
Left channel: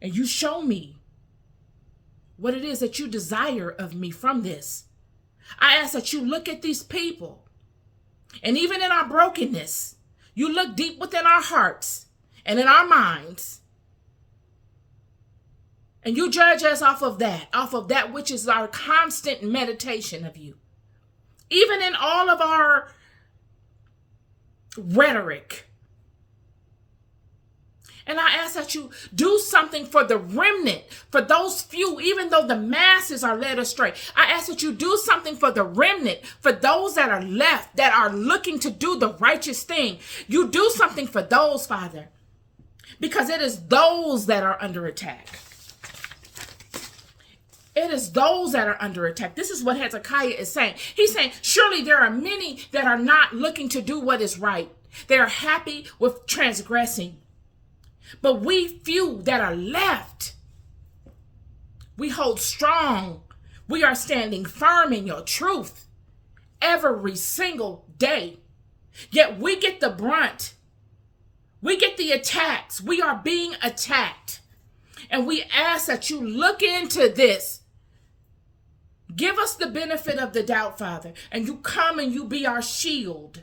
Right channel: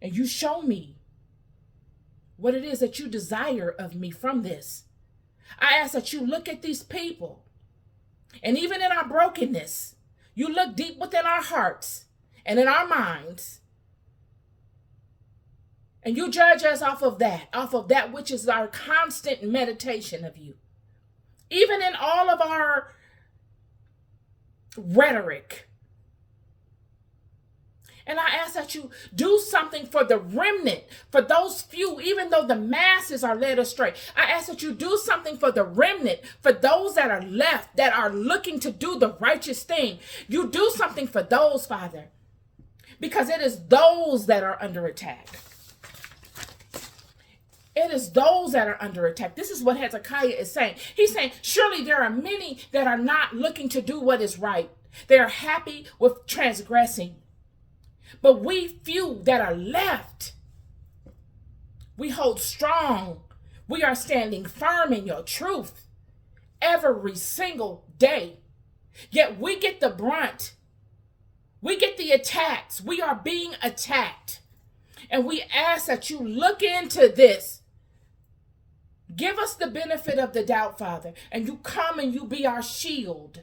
And you show me what it is that you desire of me from this. I ask that you look at these people. And even in our brokenness, you look deep within our hearts and in our minds. And you judge us off of that which is our constant meditation of you. Even in all of our rhetoric. And I ask that you do something for the remnant, for those few, even though the masses are led astray. I ask that you do something for the remnant, for those that are left, that are looking to do the righteous thing. You do something for those, Father, because it is those that are under attack. It is those that are under attack. This is what Hezekiah is saying. He's saying, surely there are many that are not looking to do what is right. They are happy with transgressing. But we few that are left, we hold strong. We are standing firm in your truth every single day. Yet we get the brunt. We get the attacks. We are being attacked. And we ask that you look into this. Give us the benefit of the doubt, Father. And you come and you be our shield.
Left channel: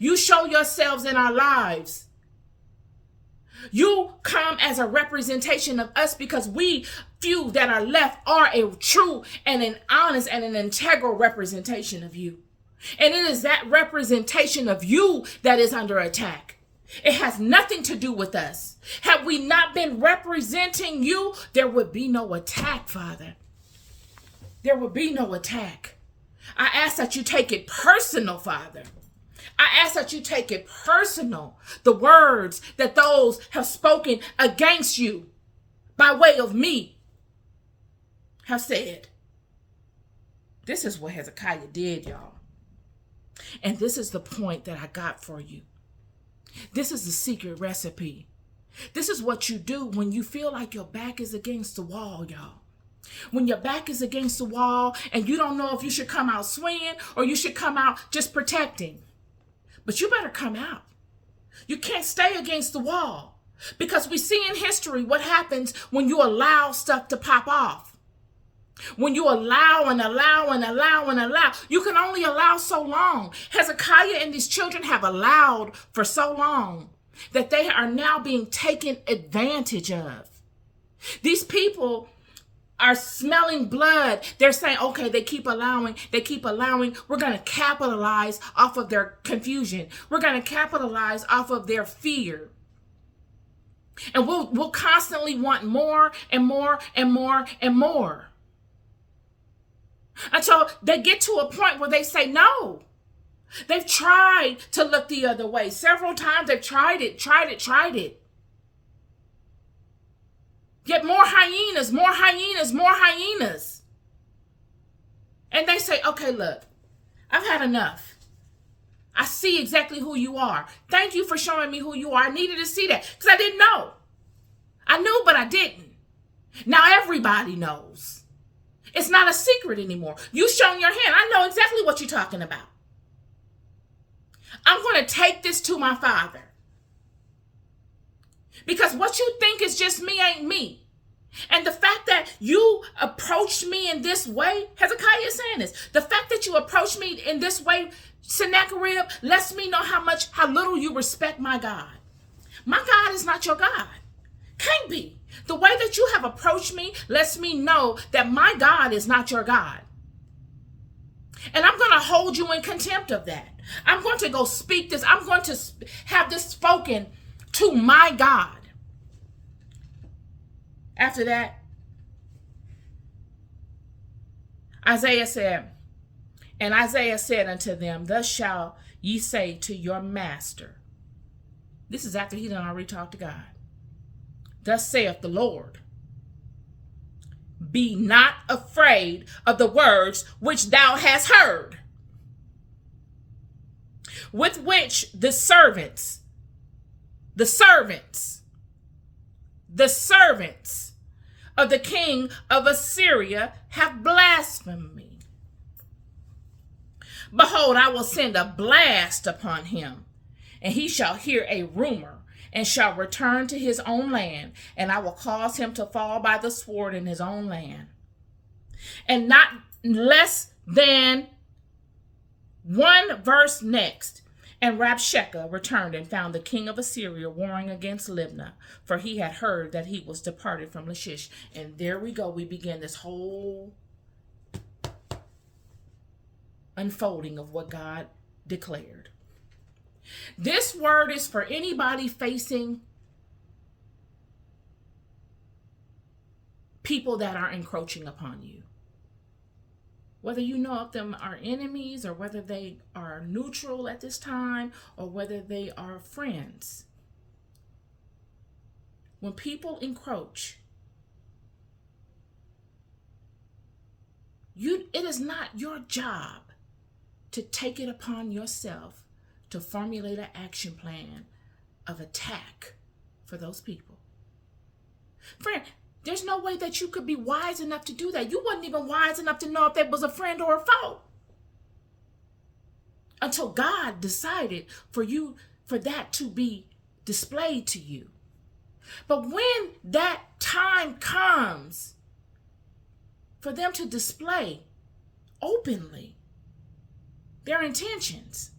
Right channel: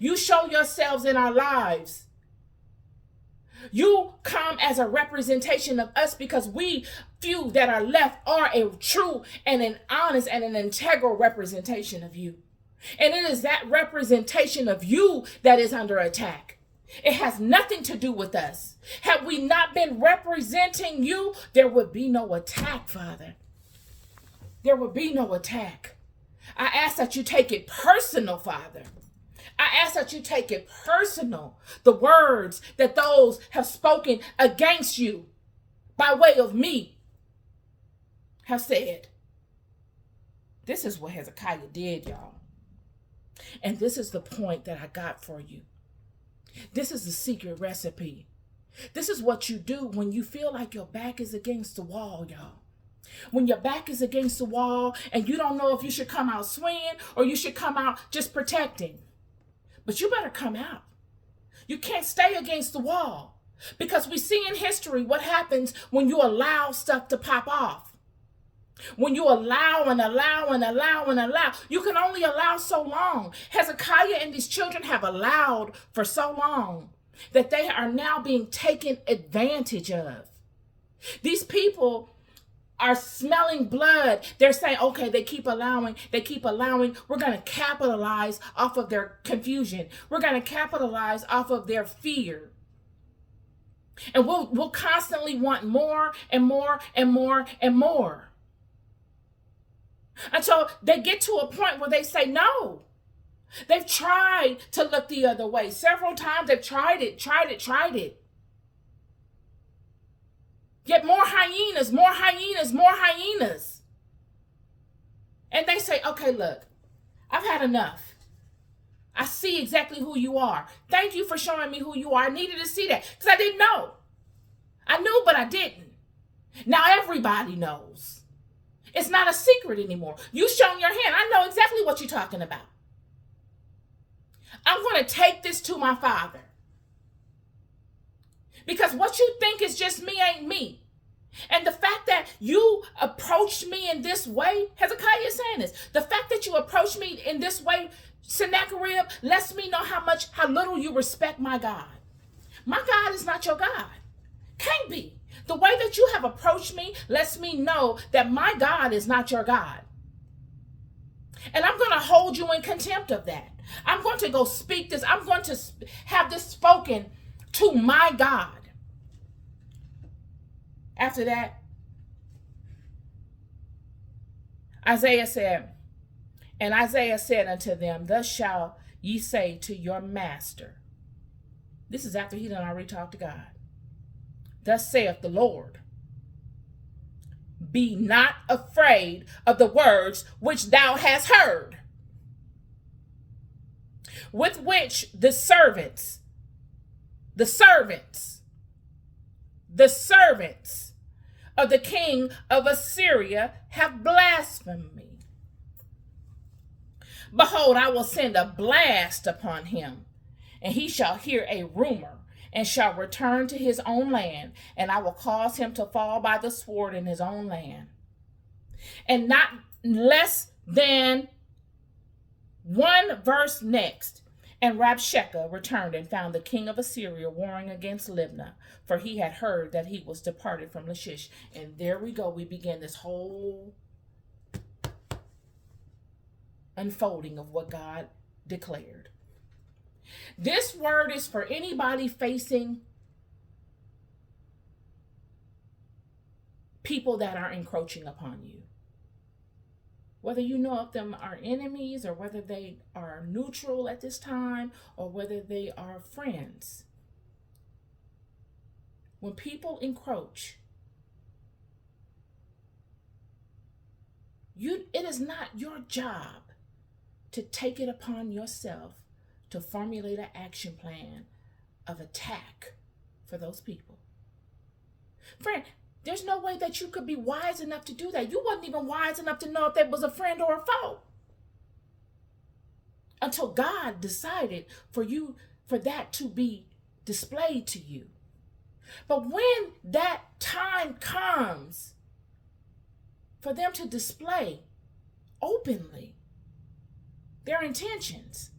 You show yourselves in our lives. You come as a representation of us because we few that are left are a true and an honest and an integral representation of you. And it is that representation of you that is under attack. It has nothing to do with us. Had we not been representing you, there would be no attack, Father. There would be no attack. I ask that you take it personal, Father. I ask that you take it personal, the words that those have spoken against you by way of me have said. This is what Hezekiah did, y'all. And this is the point that I got for you. This is the secret recipe. This is what you do when you feel like your back is against the wall, y'all. When your back is against the wall and you don't know if you should come out swinging or you should come out just protecting. But you better come out. You can't stay against the wall because we see in history what happens when you allow stuff to pop off. When you allow and allow and allow and allow, you can only allow so long. Hezekiah and his children have allowed for so long that they are now being taken advantage of. These people are smelling blood. They're saying, okay, they keep allowing. We're going to capitalize off of their confusion. We're going to capitalize off of their fear. And we'll constantly want more and more and more and more. Until they get to a point where they say no. They've tried to look the other way. Several times they've tried it. Get more hyenas, more hyenas, more hyenas. And they say, okay, look, I've had enough. I see exactly who you are. Thank you for showing me who you are. I needed to see that because I didn't know. I knew, but I didn't. Now everybody knows. It's not a secret anymore. You shown your hand. I know exactly what you're talking about. I'm going to take this to my Father. Because what you think is just me ain't me. And the fact that you approached me in this way, Hezekiah is saying this, the fact that you approached me in this way, Sennacherib, lets me know how little you respect my God. My God is not your God. Can't be. The way that you have approached me lets me know that my God is not your God. And I'm going to hold you in contempt of that. I'm going to go speak this. I'm going to have this spoken to my God. After that, Isaiah said unto them, thus shall ye say to your master. This is after he done already talked to God. Thus saith the Lord, be not afraid of the words which thou hast heard, with which the servants of the king of Assyria have blasphemed me. Behold, I will send a blast upon him, and he shall hear a rumor, and shall return to his own land, and I will cause him to fall by the sword in his own land. And not less than one verse next, and Rabshakeh returned and found the king of Assyria warring against Libnah, for he had heard that he was departed from Lachish. And there we go. We begin this whole unfolding of what God declared. This word is for anybody facing people that are encroaching upon you. Whether you know if them are enemies or whether they are neutral at this time or whether they are friends. When people encroach, it is not your job to take it upon yourself to formulate an action plan of attack for those people. Friend, there's no way that you could be wise enough to do that. You wasn't even wise enough to know if that was a friend or a foe until God decided for that to be displayed to you. But when that time comes for them to display openly their intentions,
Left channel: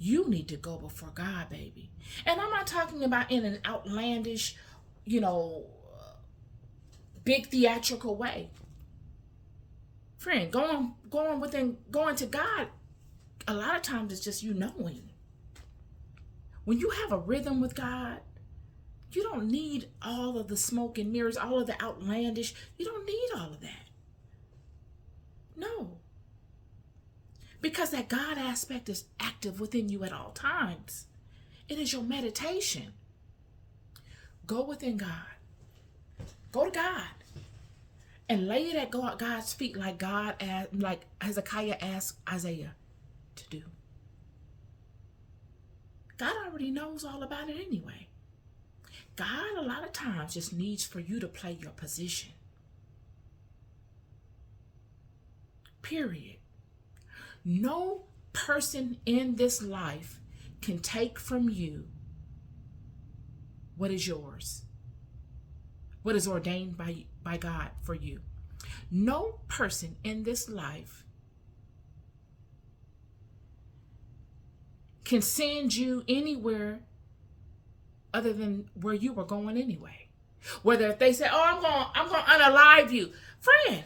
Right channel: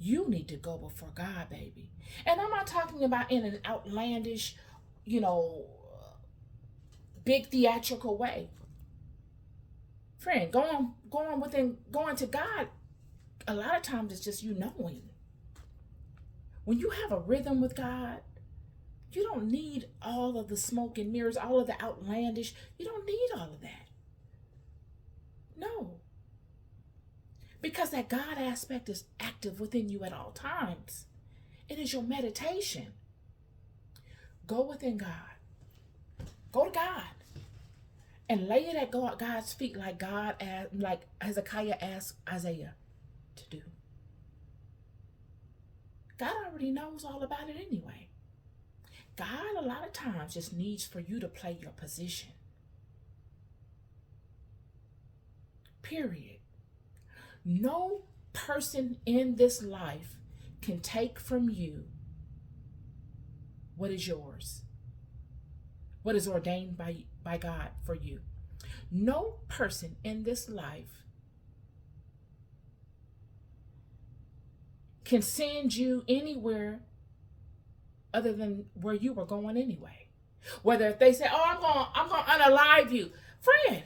you need to go before God, baby. And I'm not talking about in an outlandish, big theatrical way. Friend, going to God, a lot of times it's just you knowing. When you have a rhythm with God, you don't need all of the smoke and mirrors, all of the outlandish. You don't need all of that. No. Because that God aspect is active within you at all times. It is your meditation. Go within God. Go to God. And lay it at God's feet like Hezekiah asked Isaiah to do. God already knows all about it anyway. God a lot of times just needs for you to play your position. Period. No person in this life can take from you what is yours, what is ordained by God for you. No person in this life can send you anywhere other than where you were going anyway. Whether if they say, "Oh, I'm going to unalive you," friend,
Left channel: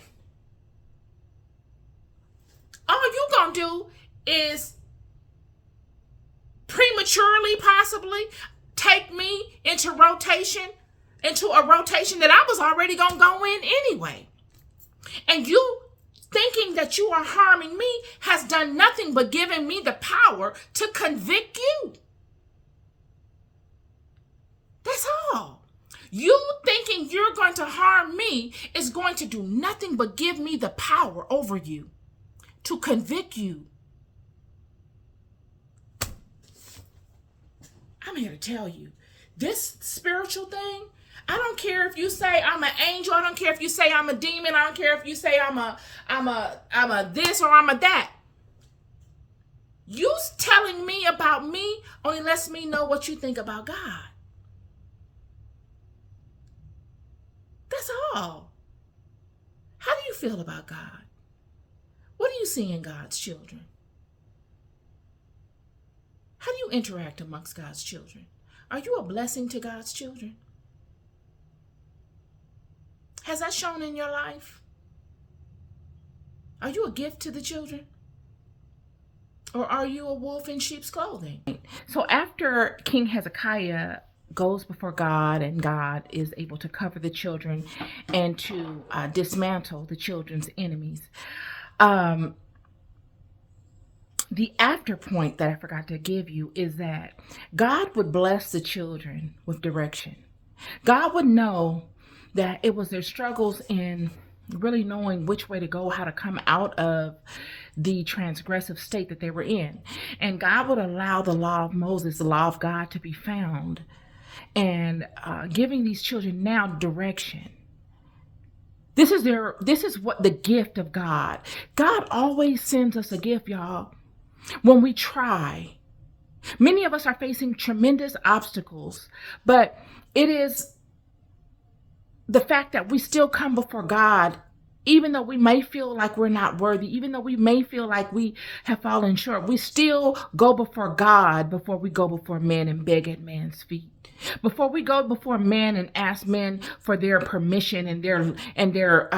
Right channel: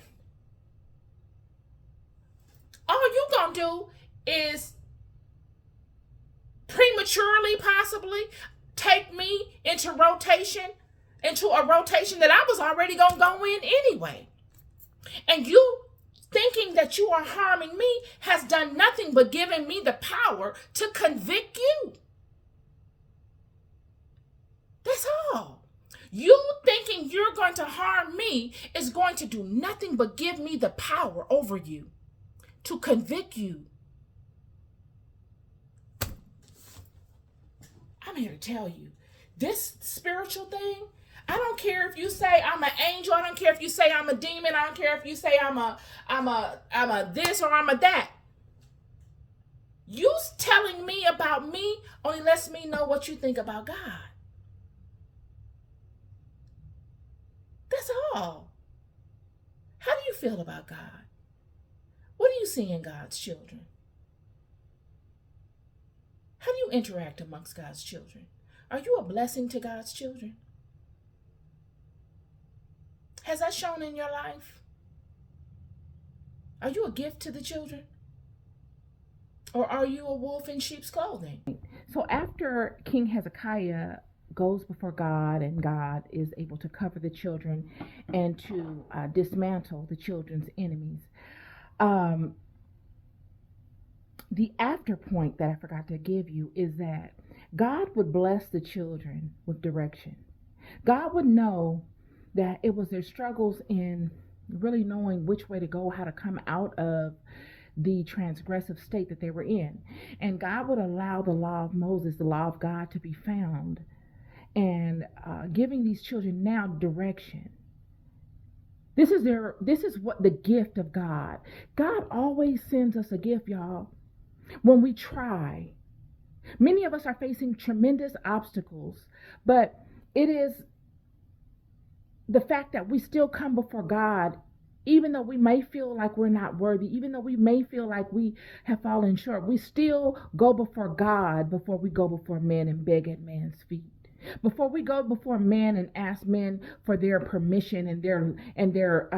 all you gonna do is prematurely, possibly, take me into a rotation that I was already gonna go in anyway. And you thinking that you are harming me has done nothing but given me the power to convict you. That's all. You thinking you're going to harm me is going to do nothing but give me the power over you, to convict you. I'm here to tell you, this spiritual thing, I don't care if you say I'm an angel. I don't care if you say I'm a demon. I don't care if you say I'm a this or I'm a that. You telling me about me only lets me know what you think about God. That's all. How do you feel about God? What do you see in God's children? How do you interact amongst God's children? Are you a blessing to God's children? Has that shown in your life? Are you a gift to the children? Or are you a wolf in sheep's clothing? So after King Hezekiah goes before God and God is able to cover the children and to dismantle the children's enemies, the after point that I forgot to give you is that God would bless the children with direction. God would know that it was their struggles in really knowing which way to go, how to come out of the transgressive state that they were in. And God would allow the law of Moses, the law of God, to be found and giving these children now direction. This is what the gift of God. God always sends us a gift, y'all. When we try, many of us are facing tremendous obstacles, but it is the fact that we still come before God, even though we may feel like we're not worthy, even though we may feel like we have fallen short, we still go before God before we go before men and beg at man's feet. Before we go before men and ask men for their permission and their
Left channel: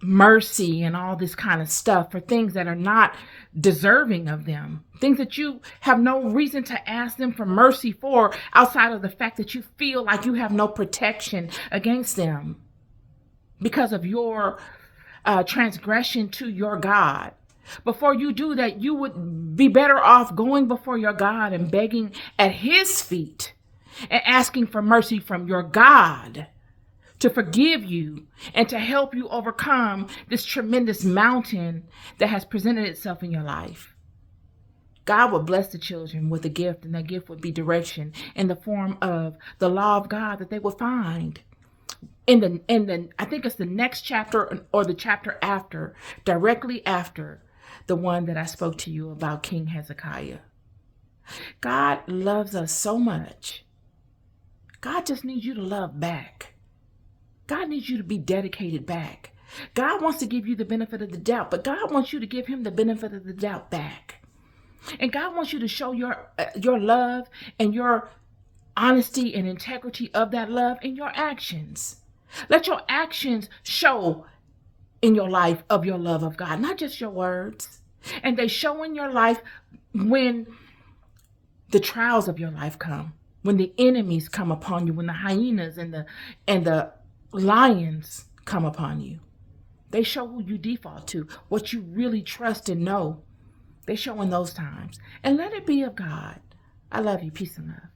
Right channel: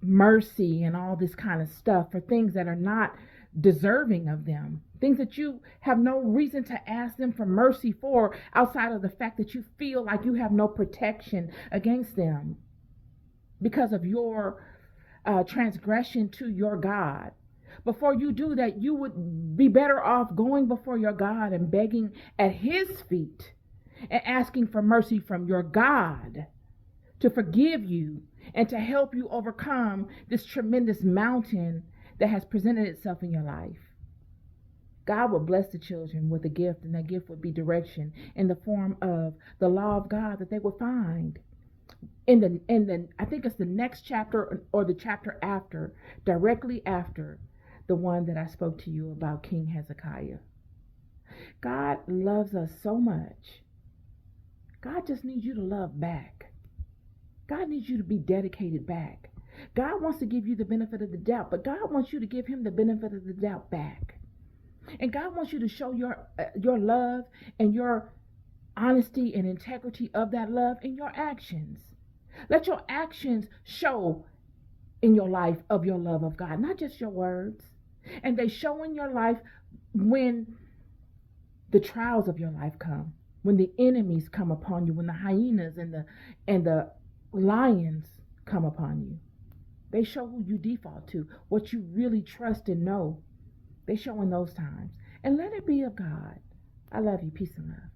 mercy and all this kind of stuff for things that are not deserving of them, things that you have no reason to ask them for mercy for outside of the fact that you feel like you have no protection against them because of your transgression to your God. Before you do that, you would be better off going before your God and begging at his feet and asking for mercy from your God to forgive you and to help you overcome this tremendous mountain that has presented itself in your life. God would bless the children with a gift, and that gift would be direction in the form of the law of God that they would find in the I think it's the next chapter or the chapter after, directly after the one that I spoke to you about, King Hezekiah. God loves us so much. God just needs you to love back. God needs you to be dedicated back. God wants to give you the benefit of the doubt, but God wants you to give him the benefit of the doubt back. And God wants you to show your love and your honesty and integrity of that love in your actions. Let your actions show in your life of your love of God, not just your words. And they show in your life when the trials of your life come, when the enemies come upon you, when the hyenas and the lions come upon you. They show who you default to, what you really trust and know. They show in those times. And let it be of God. I love you. Peace and love.